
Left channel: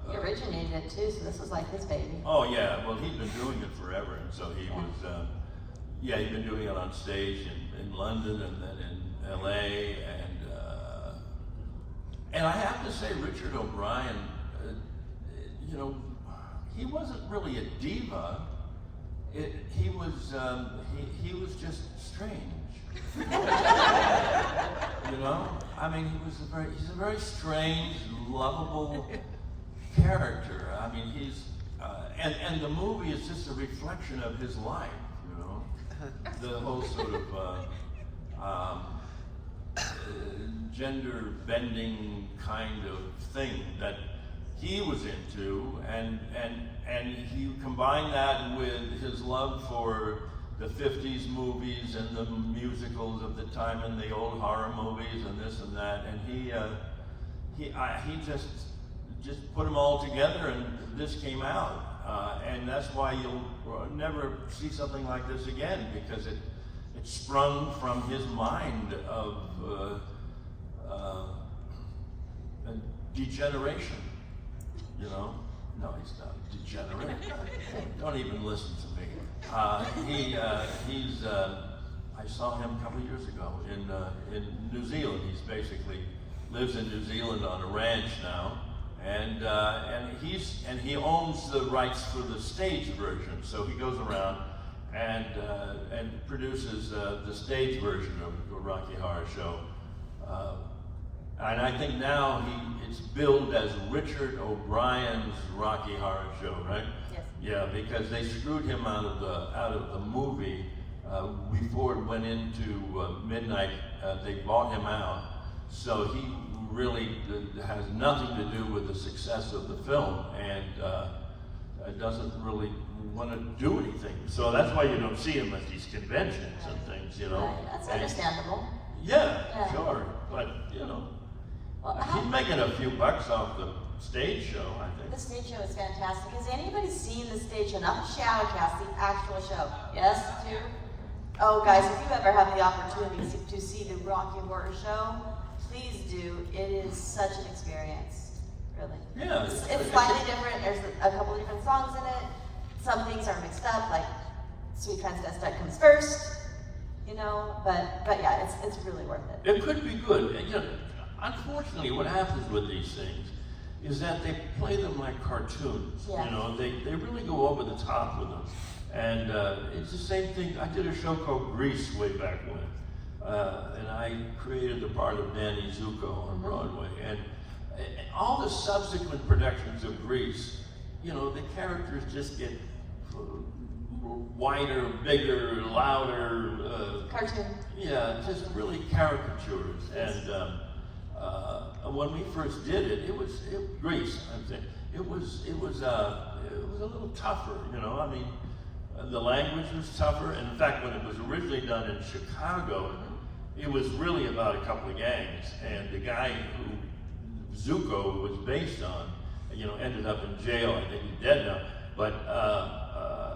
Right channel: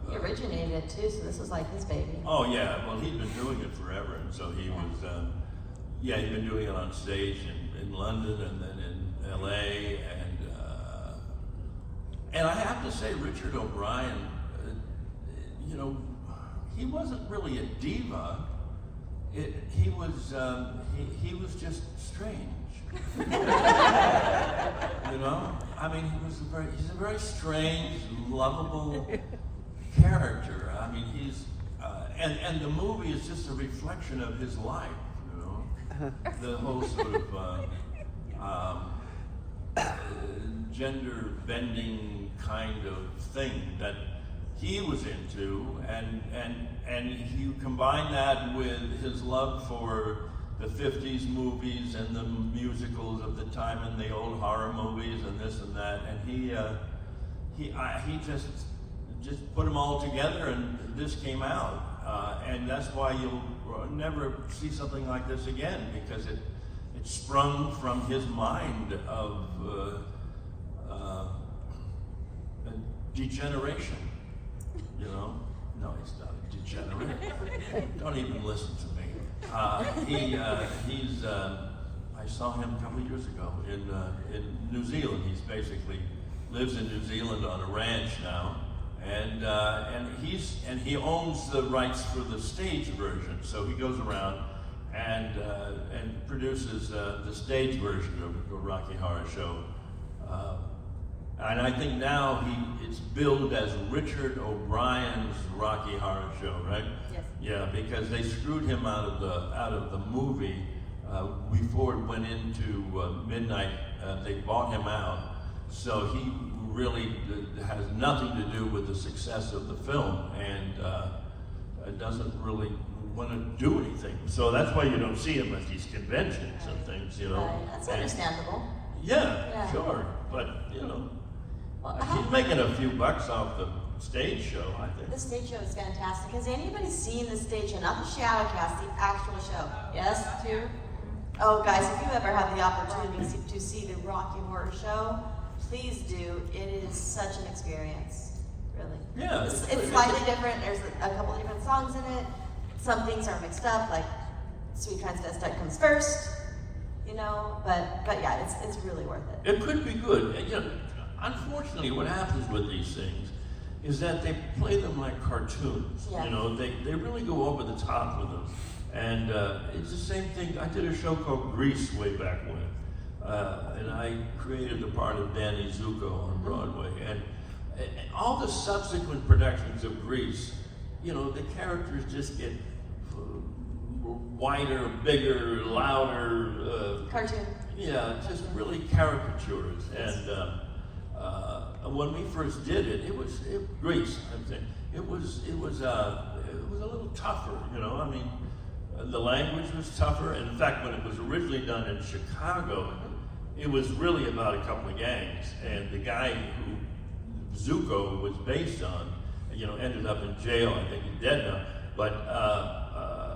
He originated too, so this was like his baby. Oh yeah, well he'd been doing it forever, and so he was, he'd been doing it on stage in London and then in LA, and I have to say Richard O'Brien, he wasn't really a diva. He was just strange. I mean, he's a very strange, lovable character. I mean, and the movie is just a reflection of his life. The whole sort of gender bending kind of thing that he was into, and you combine that with his love for the 50s movies and the musicals of the time and the old horror movies and this and that, and he just put them all together, and this came out, and that's why you'll never see something like this again, because it sprung from his mind of degeneration. No, he's not a degenerate. Don't even listen to me. I saw him a couple of years ago in New Zealand. He's basically lives in New Zealand on a ranch now, and he owns the rights for the stage version. So he goes around and produces the stage version of a Rocky Horror Show. And I think now it's billed as Richard O'Brien's Rocky Horror Show, right? Yes. Yeah, because they screwed him out of the movie before it went into midnight. They bought him out, so he really has nothing to do with the success of the film, and doesn't really want to do anything. So that's why you don't see him at these conventions and things, Right, that's understandable. Yeah, sure, but Well, he's making a few bucks off the stage show, I think. the stage show is fantastic. Has anybody seen the stage show? Not the Shadowcast, the actual show. Yes, too? Oh, guys, if you ever have the opportunity to see the Rocky Horror Show, please do. It is such an experience, really. Yeah. It's slightly different. There's a couple different songs in it. Some things are mixed up, like Sweet Transvestite comes first, but yeah, it's really worth it. It could be good. Unfortunately, what happens with these things is that they play them like cartoons. Yeah. They really go over the top with them. And it's the same thing. I did a show called Grease way back when. And I created the part of Danny Zuko on Broadway. And all the subsequent productions of Grease, the characters just get wider, bigger, louder. Cartoon. Yeah, just really caricatures. And when we first did it, Grease, I'm saying, it was it was a little tougher, you know. I mean, the language was tougher. In fact, when it was originally done in Chicago, it was really about a couple of gangs, and the guy who Zuko was based on, you know, ended up in jail. I think he's dead now. But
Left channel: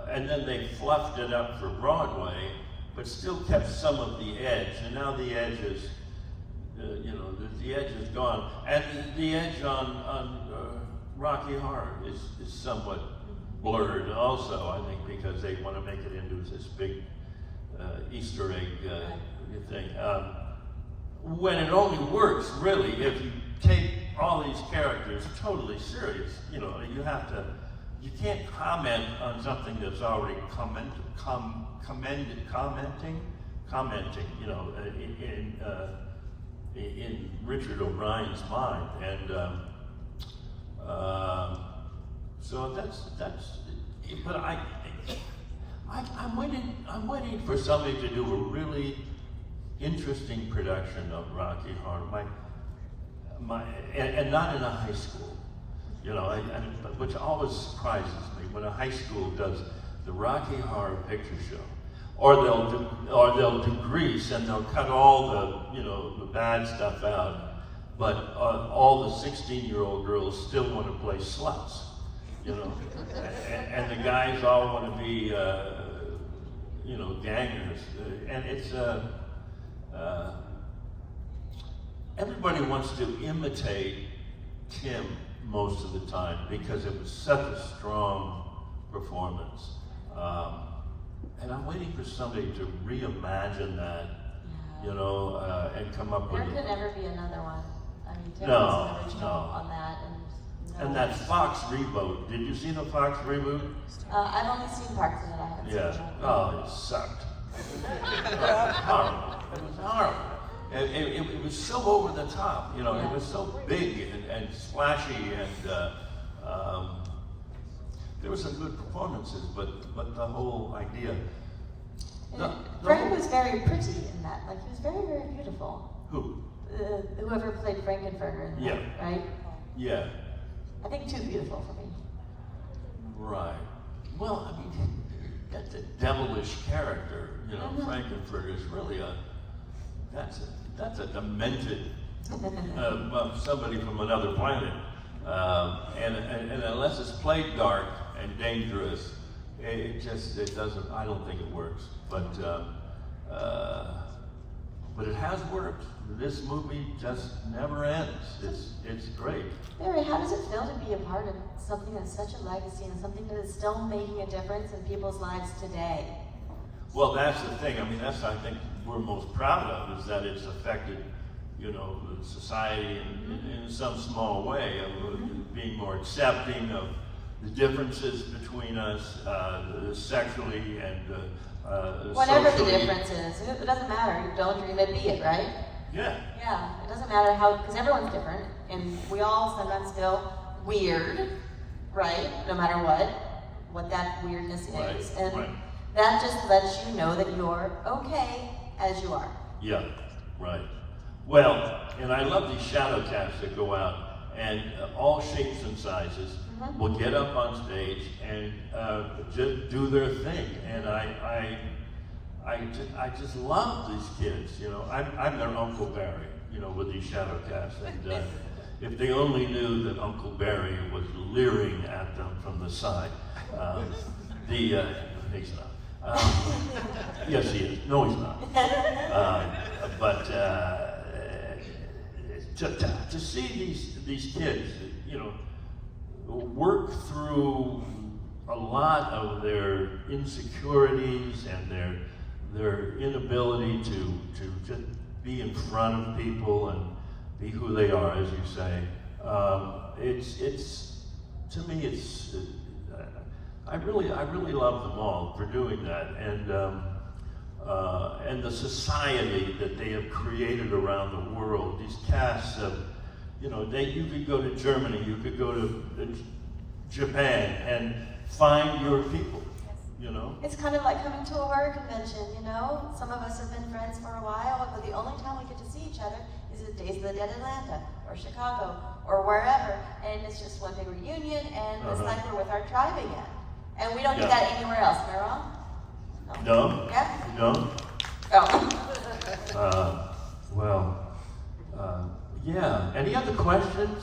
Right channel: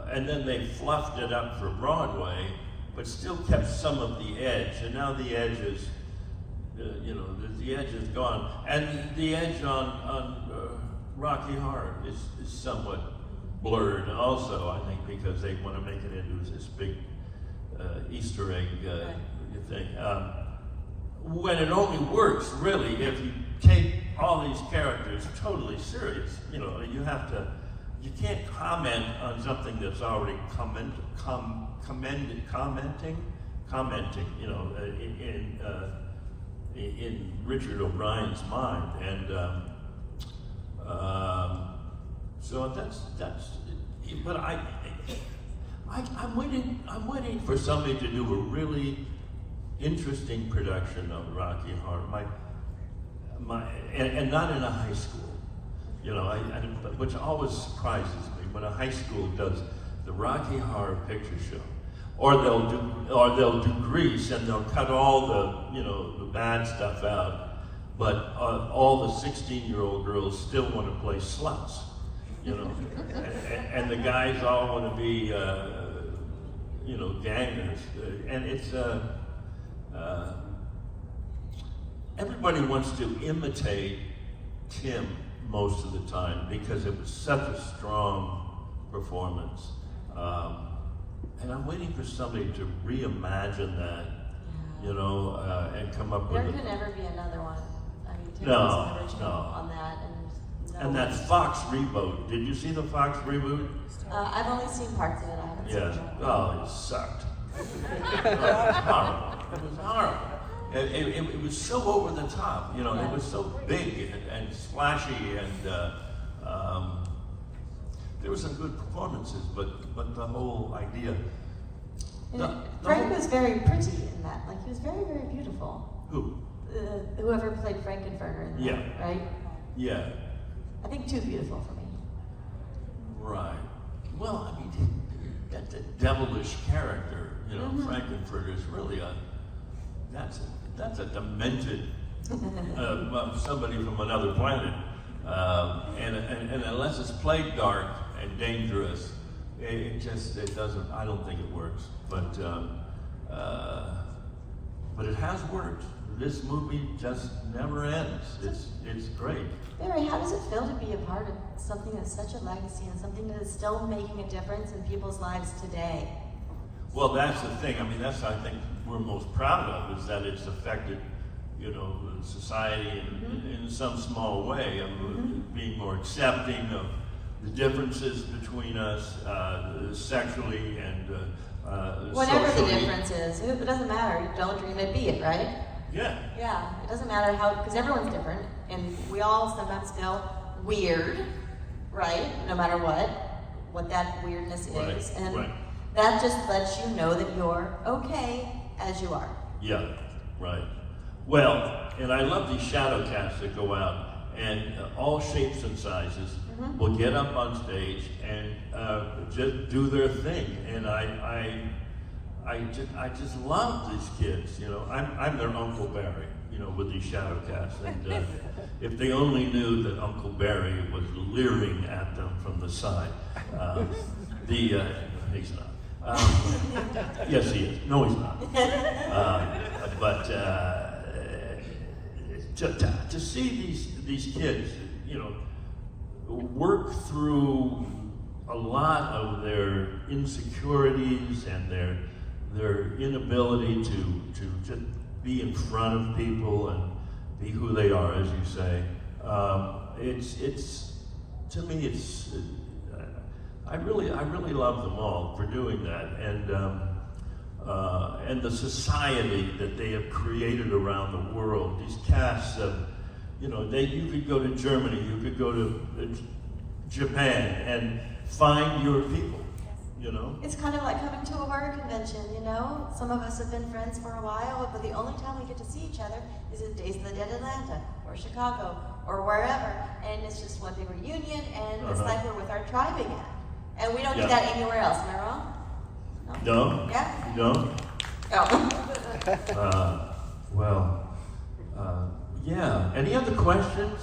and then they fluffed it up for Broadway, but still kept some of the edge. And now the edge is, you know, the edge is gone, and the edge on Rocky Horror is somewhat blurred also, I think, because they want to make it into this big Easter egg thing. When it only works, really, if you take all these characters totally serious. You know, you can't comment on something that's already commenting, you know, in Richard O'Brien's mind. And so that's, but I'm waiting for somebody to do a really interesting production of Rocky Horror, and not in a high school, you know, which always surprises me when a high school does the Rocky Horror Picture Show, or they'll do Grease and they'll cut all the, you know, the bad stuff out, but all the 16-year-old girls still want to play sluts, you know, and the guys all want to be, you know, gangers, and it's everybody wants to imitate Tim most of the time because it was such a strong performance. And I'm waiting for somebody to reimagine that, you know, and come up with There could never be another one. I mean, Tim No, was original no. on that, And that Fox reboot, did you see the Fox reboot? I've only seen parts of it. I haven't Yeah. seen it. Oh, it sucked. It was horrible. It was horrible. It was so over the top, you know. It was so big and splashy, and there were some good performances, but the whole idea. Frank was very pretty in that. Like, he was very, very beautiful. Who? Whoever played Frankenfurter in that, Yeah. right? Yeah. I think too beautiful for me. Right. Well, I mean, that's a devilish character, you know. Frankenfurter is really that's a demented somebody from another planet, and unless it's played dark and dangerous, it doesn't. I don't think it works. But it has worked. This movie just never ends. It's great. Barry, how does it feel to be a part of something that's such a legacy and something that is still making a difference in people's lives today? Well, that's the thing. I mean, that's I think we're most proud of, is that it's affected, you know, society in some small way, and being more accepting of the differences between us, sexually and Whatever the socially. difference is, it doesn't matter. Don't dream it, be it, right? Yeah. Yeah, it doesn't matter how, because everyone's different, and we all sometimes feel weird, right? No matter what that weirdness Right, is, and right. that just lets you know that you're okay as you are. Yeah, right. Well, and I love these shadow cats that go out, and all shapes and sizes will get up on stage and just do their thing. And I just love these kids. You know, I'm their Uncle Barry. You know, with these shadow cats, and if they only knew that Uncle Barry was leering at them from the side. He's not. Yes, he is. No, he's not. But to see these kids, you know, work through a lot of their insecurities and their inability to just be in front of people and be who they are, as you say, it's to me it's. I really love them all for doing that, and the society that they have created around the world. These casts, you know, you could go to Germany, you could go to Japan, and find your people. You know, It's kind of like coming to a horror convention, you know? Some of us have been friends for a while, but the only time we get to see each other is at Days of the Dead Atlanta, or Chicago, or wherever, and it's just one big reunion, and it's like we're with our tribe again. And we don't do that anywhere else, am I wrong? No? Yeah? No? Oh. Well, yeah. Any other questions?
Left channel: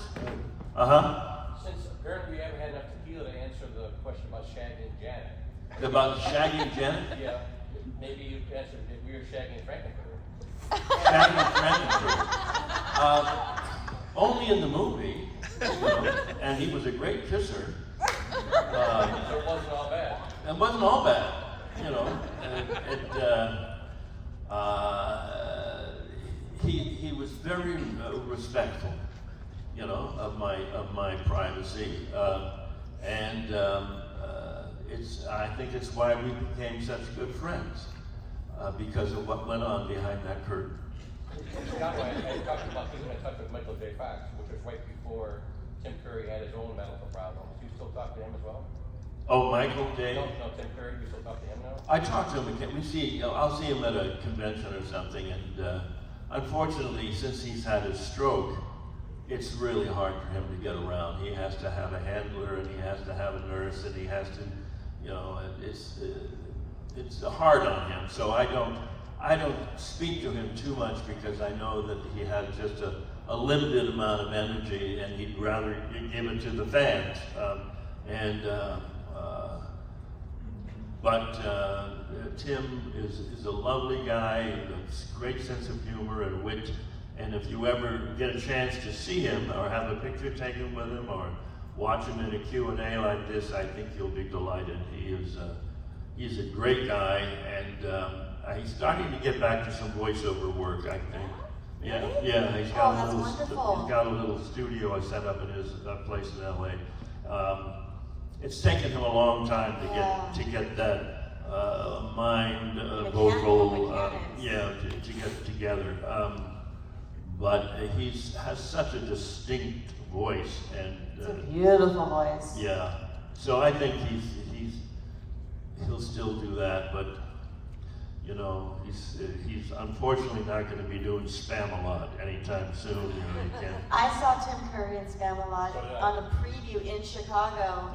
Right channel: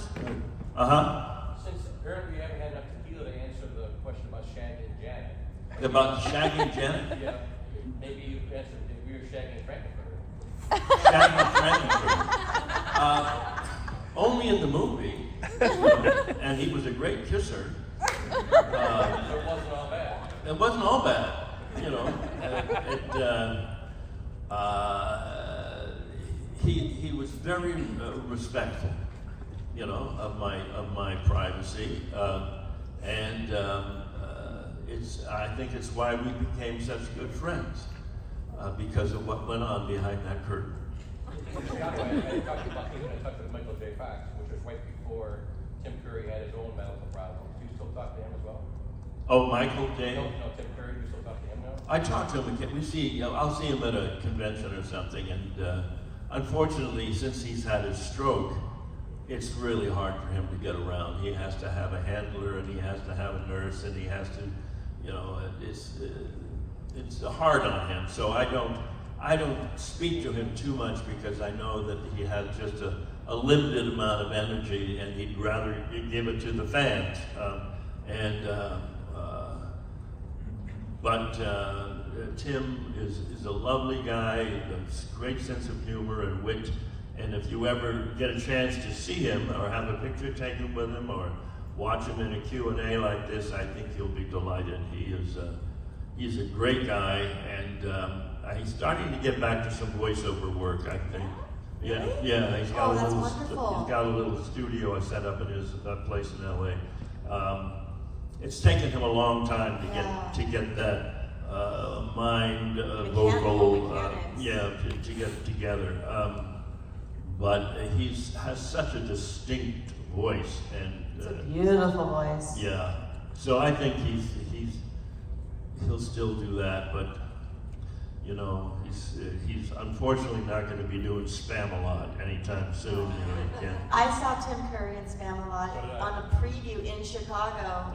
Since apparently you haven't had enough tequila to answer the question about Shaggy and Janet. About Shaggy and Janet? Yeah, maybe you answered if we were Shaggy and Frank. Shaggy and Janet. Only in the movie. And he was a great kisser. So it wasn't all bad. It wasn't all bad, you know. He was very respectful, you know, of my privacy, I think it's why we became such good friends, because of what went on behind that curtain. I talked to Michael J. Fox, which was right before Tim Curry had his own medical problem. Do you still talk to him as well? Oh, Michael J. No, Tim Curry, do you still talk to him now? I talk to him. I'll see him at a convention or something, and unfortunately, since he's had a stroke, it's really hard for him to get around. He has to have a handler, and he has to have a nurse, and he has to, you know, it's hard on him. So I don't speak to him too much because I know that he had just a limited amount of energy, and he'd rather give it to the fans. But Tim is a lovely guy, has a great sense of humor and wit, and if you ever get a chance to see him or have a picture taken with him or watch him in a Q&A like this, I think you'll be delighted. He's a great guy, and he's starting to get back to some voiceover work, I think. Yeah, he's got a little studio I set up in his place in LA. It's taken him a long time to get that mind, vocal, to get together. But he has such a distinct voice, and It's a beautiful voice. yeah. So I think he'll still do that, but you know, he's unfortunately not going to be doing Spam-A-Lot anytime soon. You know, he can't. I saw Tim Curry in Spam-A-Lot on a preview in Chicago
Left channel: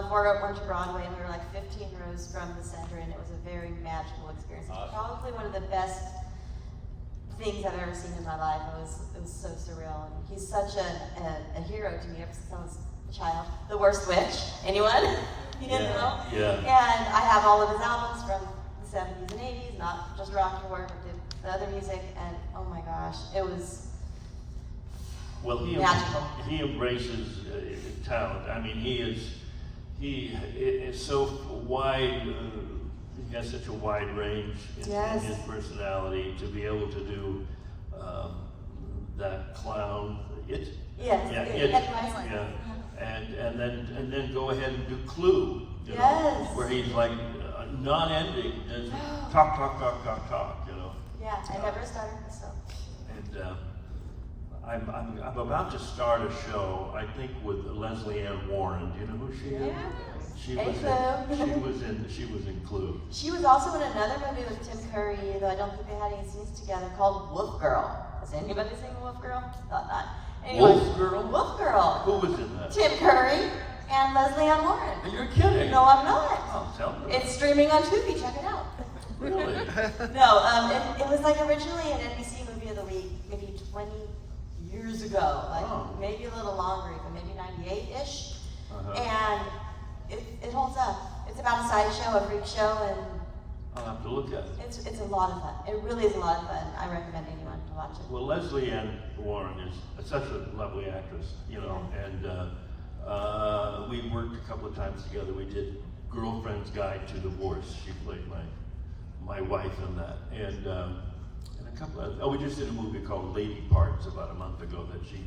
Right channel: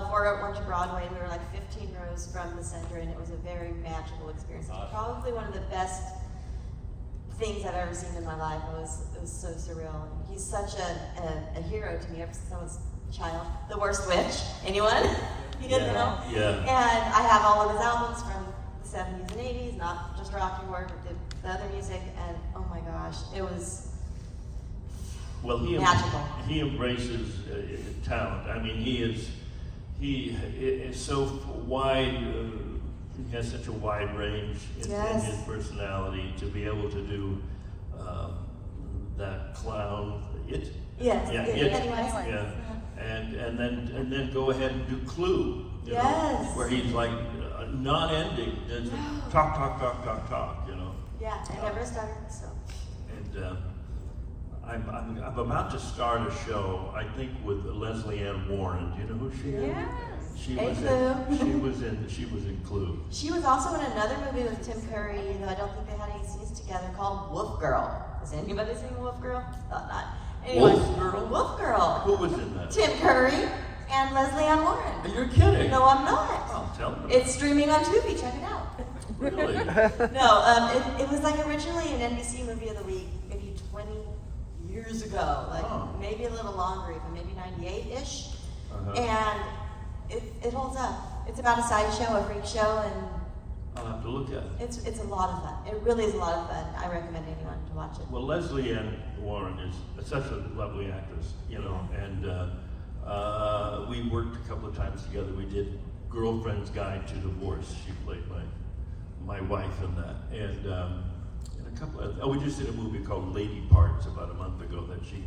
before it went to Broadway. We were like 15 rows from the center, and it was a very magical experience. It was probably one of the best things I've ever seen in my life. It was so surreal. He's such a hero to me ever since I was a child. The Worst Witch. Anyone? You didn't know? Yeah. And I have all of his albums from the 70s and 80s, not just rock and roll, but the other music, and oh my gosh, it was magical. He embraces talent. I mean, he is so wide. He has such a wide range in his personality to be able to do that clown. And then go ahead and do Clue. You know, where he's like non-ending, and talk, you know. Yeah, I never started, so. And I'm about to start a show, I think, with Leslie Ann Warren. Do you know who she is? Yeah. She was in Clue. She was also in another movie with Tim Curry, though I don't think they had any scenes together, called Wolf Girl. Has anybody seen Wolf Girl? Thought not. Anyway, Wolf Girl? Wolf Girl. Who was in that? Tim Curry and Leslie Ann Warren. You're kidding. No, I'm not. I'm telling you. It's streaming on Tubi. Check it out. Really? No, it was like originally an NBC movie of the week, maybe 20 years ago, like maybe a little longer, even maybe 98-ish, and it holds up. It's about a sideshow, a freak show, and I'll have to look at it. it's a lot of fun. It really is a lot of fun. I recommend anyone to watch it. Well, Leslie Ann Warren is such a lovely actress, you know, and we worked a couple of times together. We did Girlfriend's Guide to Divorce. She played my wife in that, and a couple of we just did a movie called Lady Parts about a month ago that she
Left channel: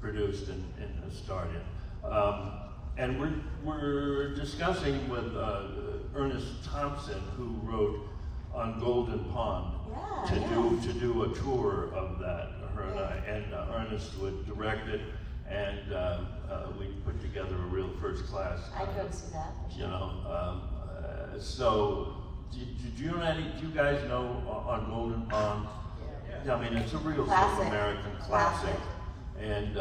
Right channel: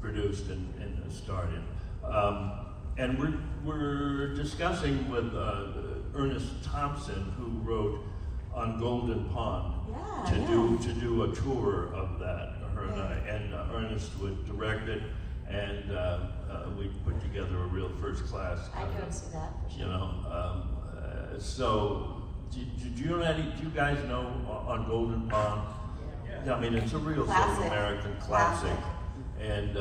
produced and starred in. And we're discussing with Ernest Thompson, who wrote On Golden Pond, to do a tour of that. Her and I, and Ernest would direct it, and we put together a real first class. I couldn't see that. You know, so do you guys know On Golden Pond? I mean, it's a real sort of American classic, and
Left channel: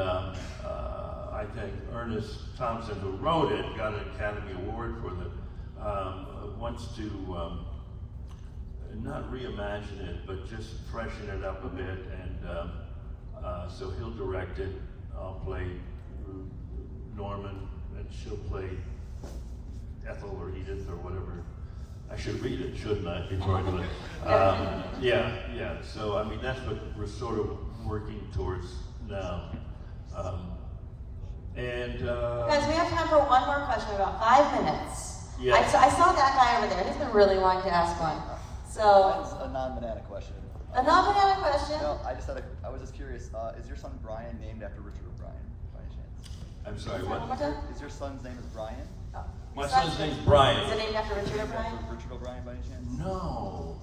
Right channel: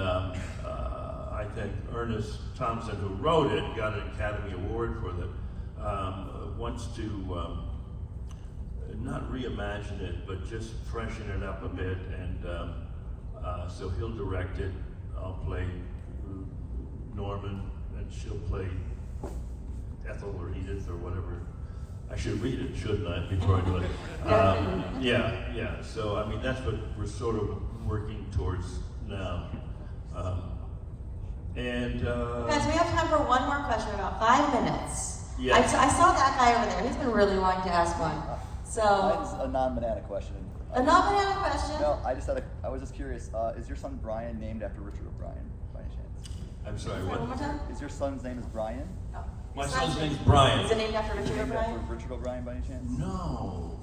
I think Ernest Thompson, who wrote it, got an Academy Award for it, wants to not reimagine it, but just freshen it up a bit, and so he'll direct it. I'll play Norman, and she'll play Ethel or Edith or whatever. I should read it, shouldn't I, before I do it? Yeah. So, I mean, that's what we're sort of working towards now. Guys, we have time for one more question, about 5 minutes. Yeah. I saw that guy over there. He's been really wanting to ask one. So, That's a non-banana question. a non-banana question. Well, I was just curious, is your son Brian named after Richard O'Brien, by any chance? I'm sorry, One more what? time? Is your son's name Brian? Oh. My son's name's Brian. Is it named after Richard O'Brien? Richard O'Brien, by any chance? No.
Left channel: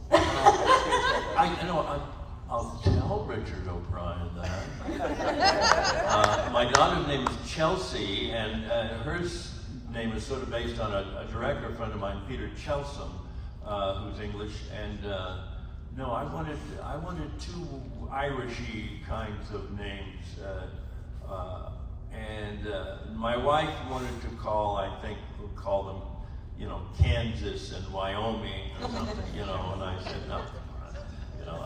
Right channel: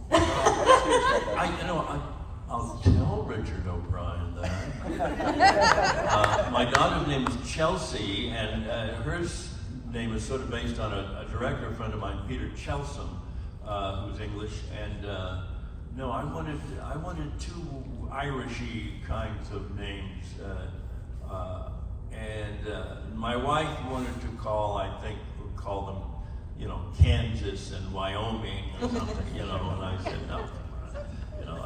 I'll tell Richard O'Brien that. My daughter's name is Chelsea, and her name is sort of based on a director friend of mine, Peter Chelsom, who's English. And no, I wanted two Irishy kinds of names. My wife wanted to call, I think, would call them, you know, Kansas and Wyoming or something, you know, and I said, no. You know,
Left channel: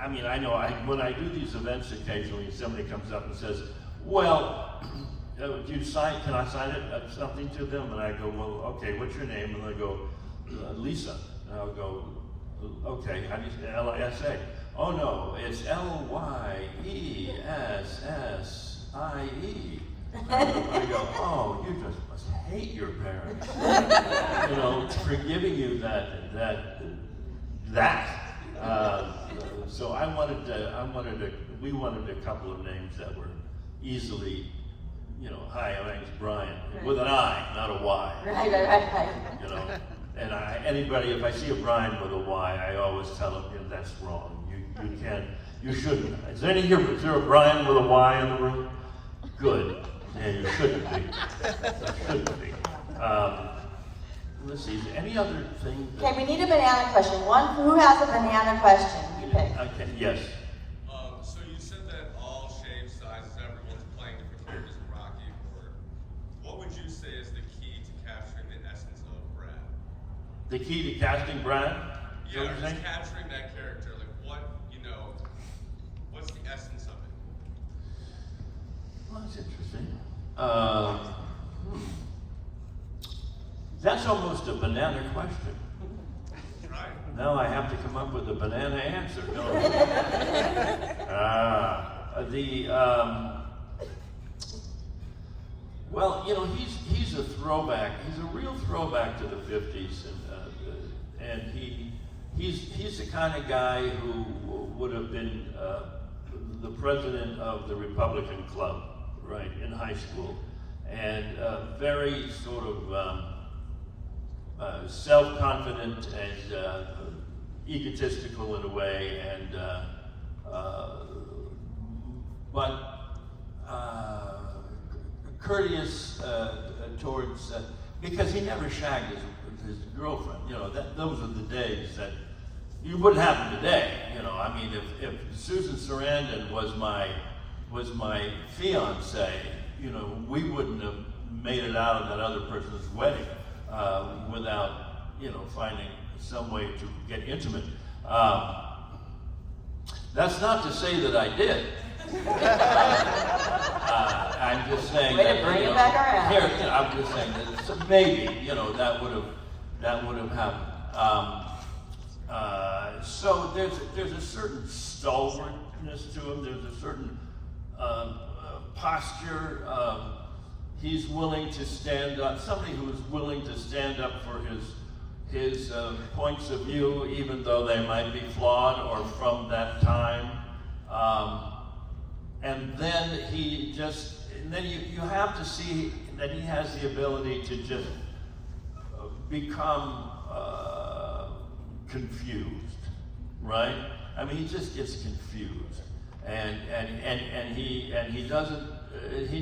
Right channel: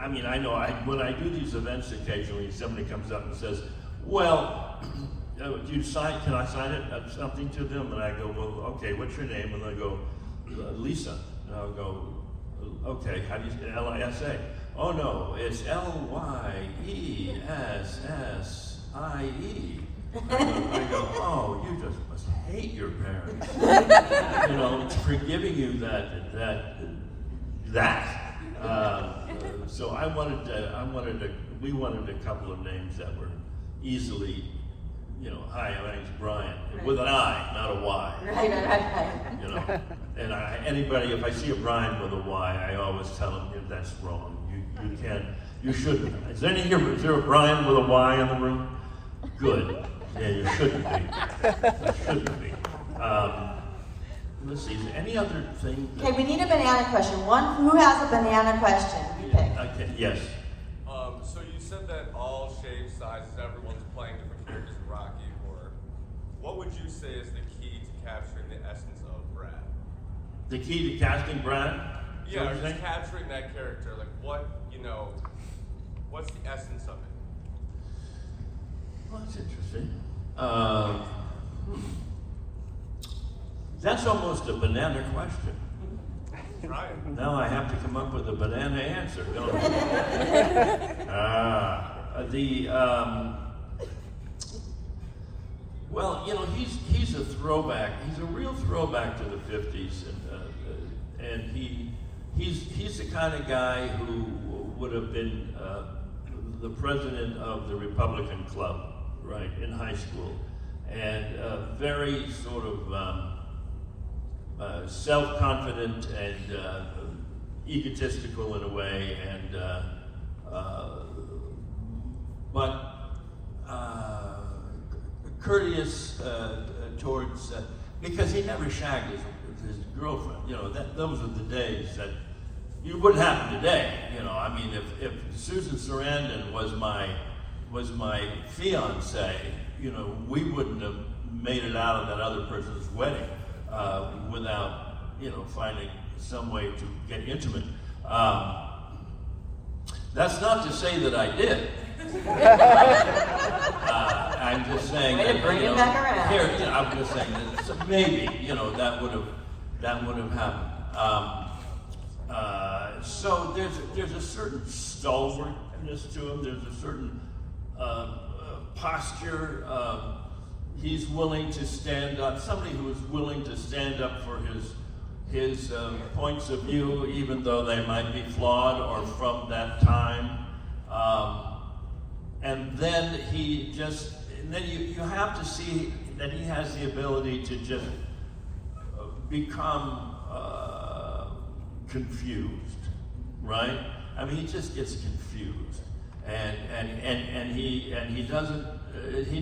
I mean, I know when I do these events occasionally, somebody comes up and says, well, do you sign, can I sign it, something to them? And I go, well, okay, what's your name? And they go, Lisa. And I'll go, okay, how do you say L-S-A? Oh no, it's Lyessie. I go, oh, you just must hate your parents, you know, for giving you that. So we wanted a couple of names that were easily, you know, hi, my name's Brian, with an I, not a Y. Right. You know, and anybody, if I see a Brian with a Y, I always tell them, you know, that's wrong. You shouldn't. Is there a Brian with a Y in the room? Good. Yeah, you shouldn't be. You shouldn't be. Let's see, is there any other thing? Okay, we need a banana question. Who has a banana question? You pick. Yes. So you said that all shapes, sizes, everyone's playing different characters in Rocky Horror. What would you say is the key to capturing the essence of Brad? The key to casting Brad? Yeah, just capturing that character. Like what, you know, what's the essence of it? Well, that's interesting. That's almost a banana question. Trying. Now I have to come up with a banana answer. Well, you know, he's a throwback. He's a real throwback to the '50s, and he's the kind of guy who would have been the president of the Republican Club, right, in high school, and very sort of self-confident and egotistical in a way, and but courteous towards, because he never shagged his girlfriend. You know, those are the days that you wouldn't happen today. You know, I mean, if Susan Sarandon was my fiance, you know, we wouldn't have made it out of that other person's wedding without, you know, finding some way to get intimate. That's not to say that I did. I'm just saying Way to bring it back around. Here, I'm just saying that maybe, you know, that would have happened. So there's a certain stalwartness to him. There's a certain posture. He's willing to stand up. Somebody who is willing to stand up for his points of view, even though they might be flawed or from that time. And then you have to see that he has the ability to just become confused, right? I mean, he just gets confused, and he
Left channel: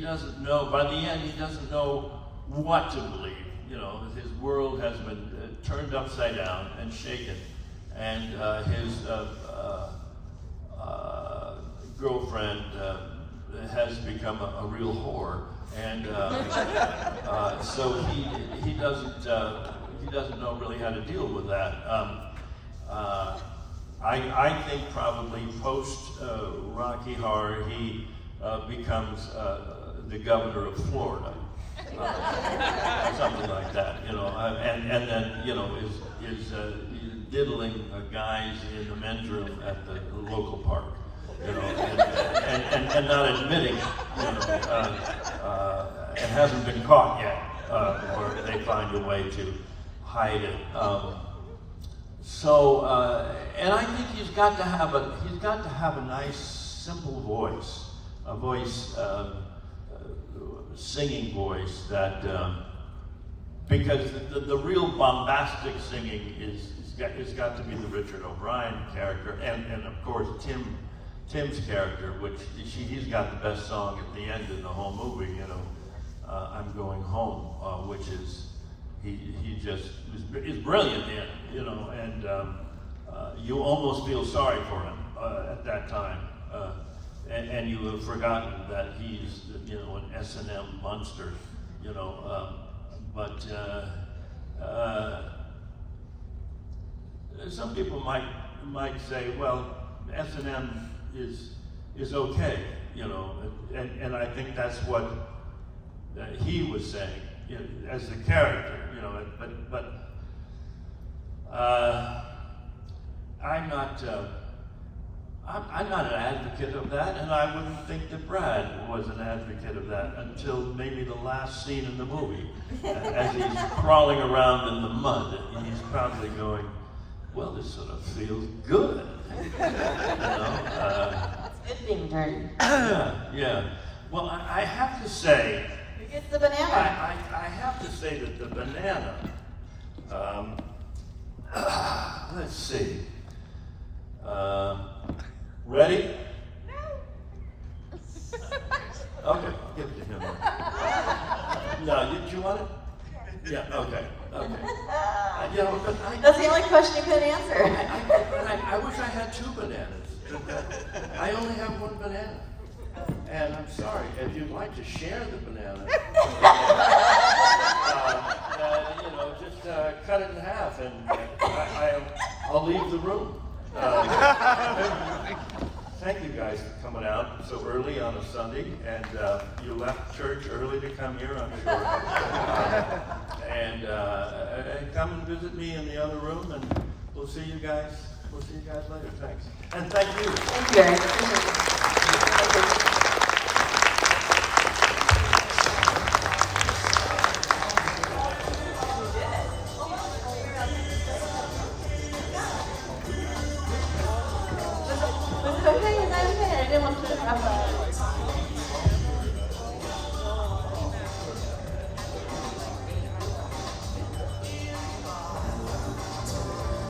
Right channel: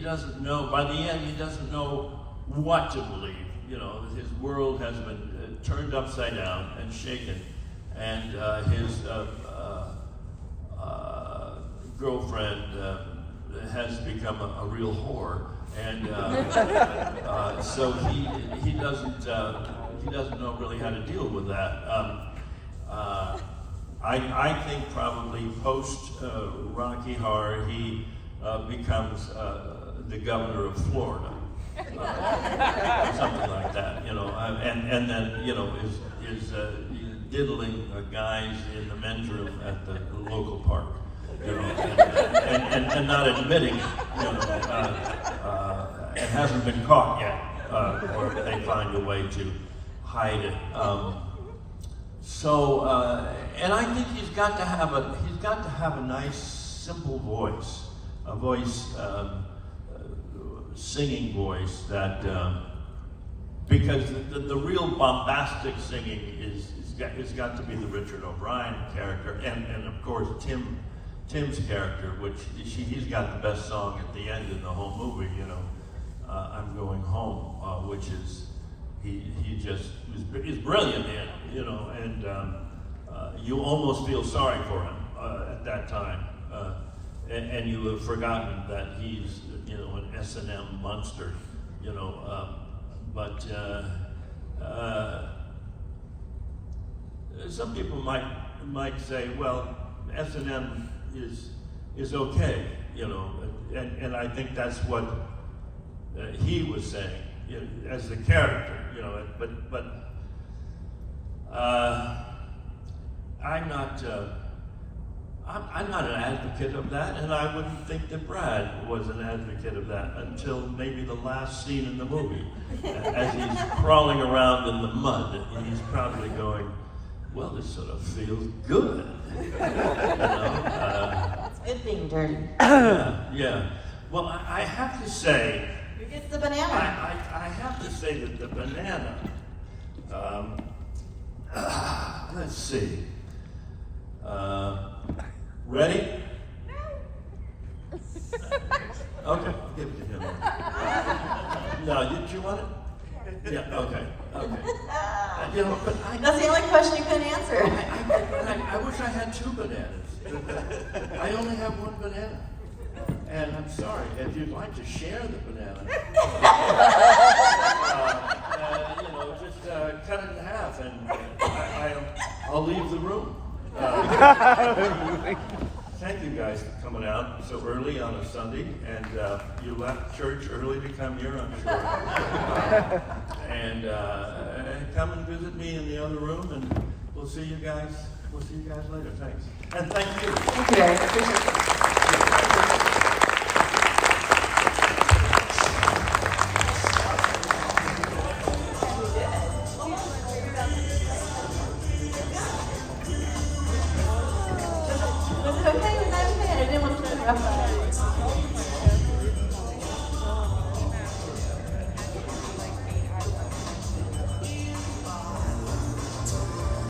doesn't know. By the end, he doesn't know what to believe. You know, his world has been turned upside down and shaken, and his girlfriend has become a real whore, and so he doesn't know really how to deal with that. I think probably post Rocky Horror he becomes the governor of Florida, something like that, you know, and then you know is diddling guys in the men's room at the local park, you know, and not admitting it, you know, it hasn't been caught yet, or they find a way to hide it. And I think he's got to have a nice, simple voice, a voice, singing voice that, because the real bombastic singing it's got to be the Richard O'Brien character, and of course Tim's character, which he's got the best song at the end of the whole movie, you know, I'm Going Home, which is he just is brilliant in it, you know, and you almost feel sorry for him at that time, and you have forgotten that he's, you know, an S&M monster, you know, but some people might say, well, S&M is okay, you know, and I think that's what he was saying, you know, as the character, you know, but I'm not an advocate of that, and I wouldn't think that Brad was an advocate of that until maybe the last scene in the movie, as he's crawling around in the mud, and he's probably going, well, this sort of feels good. You know? It's good being dirty. Yeah. Well, I have to say, Who gets the banana? I have to say that the banana, let's see. Ready? Okay, I'll give it to him. No, did you want it? Yeah, okay. You know, That's the only question you could answer. I wish I had 2 bananas. I only have 1 banana. And I'm sorry, if you'd like to share the banana, you know, just cut it in half and I'll leave the room. Thank you guys for coming out so early on a Sunday, and you left church early to come here, I'm sure. And come and visit me in the other room, and we'll see you guys later. Thanks. And thank you. Thank you, Eric. Appreciate it.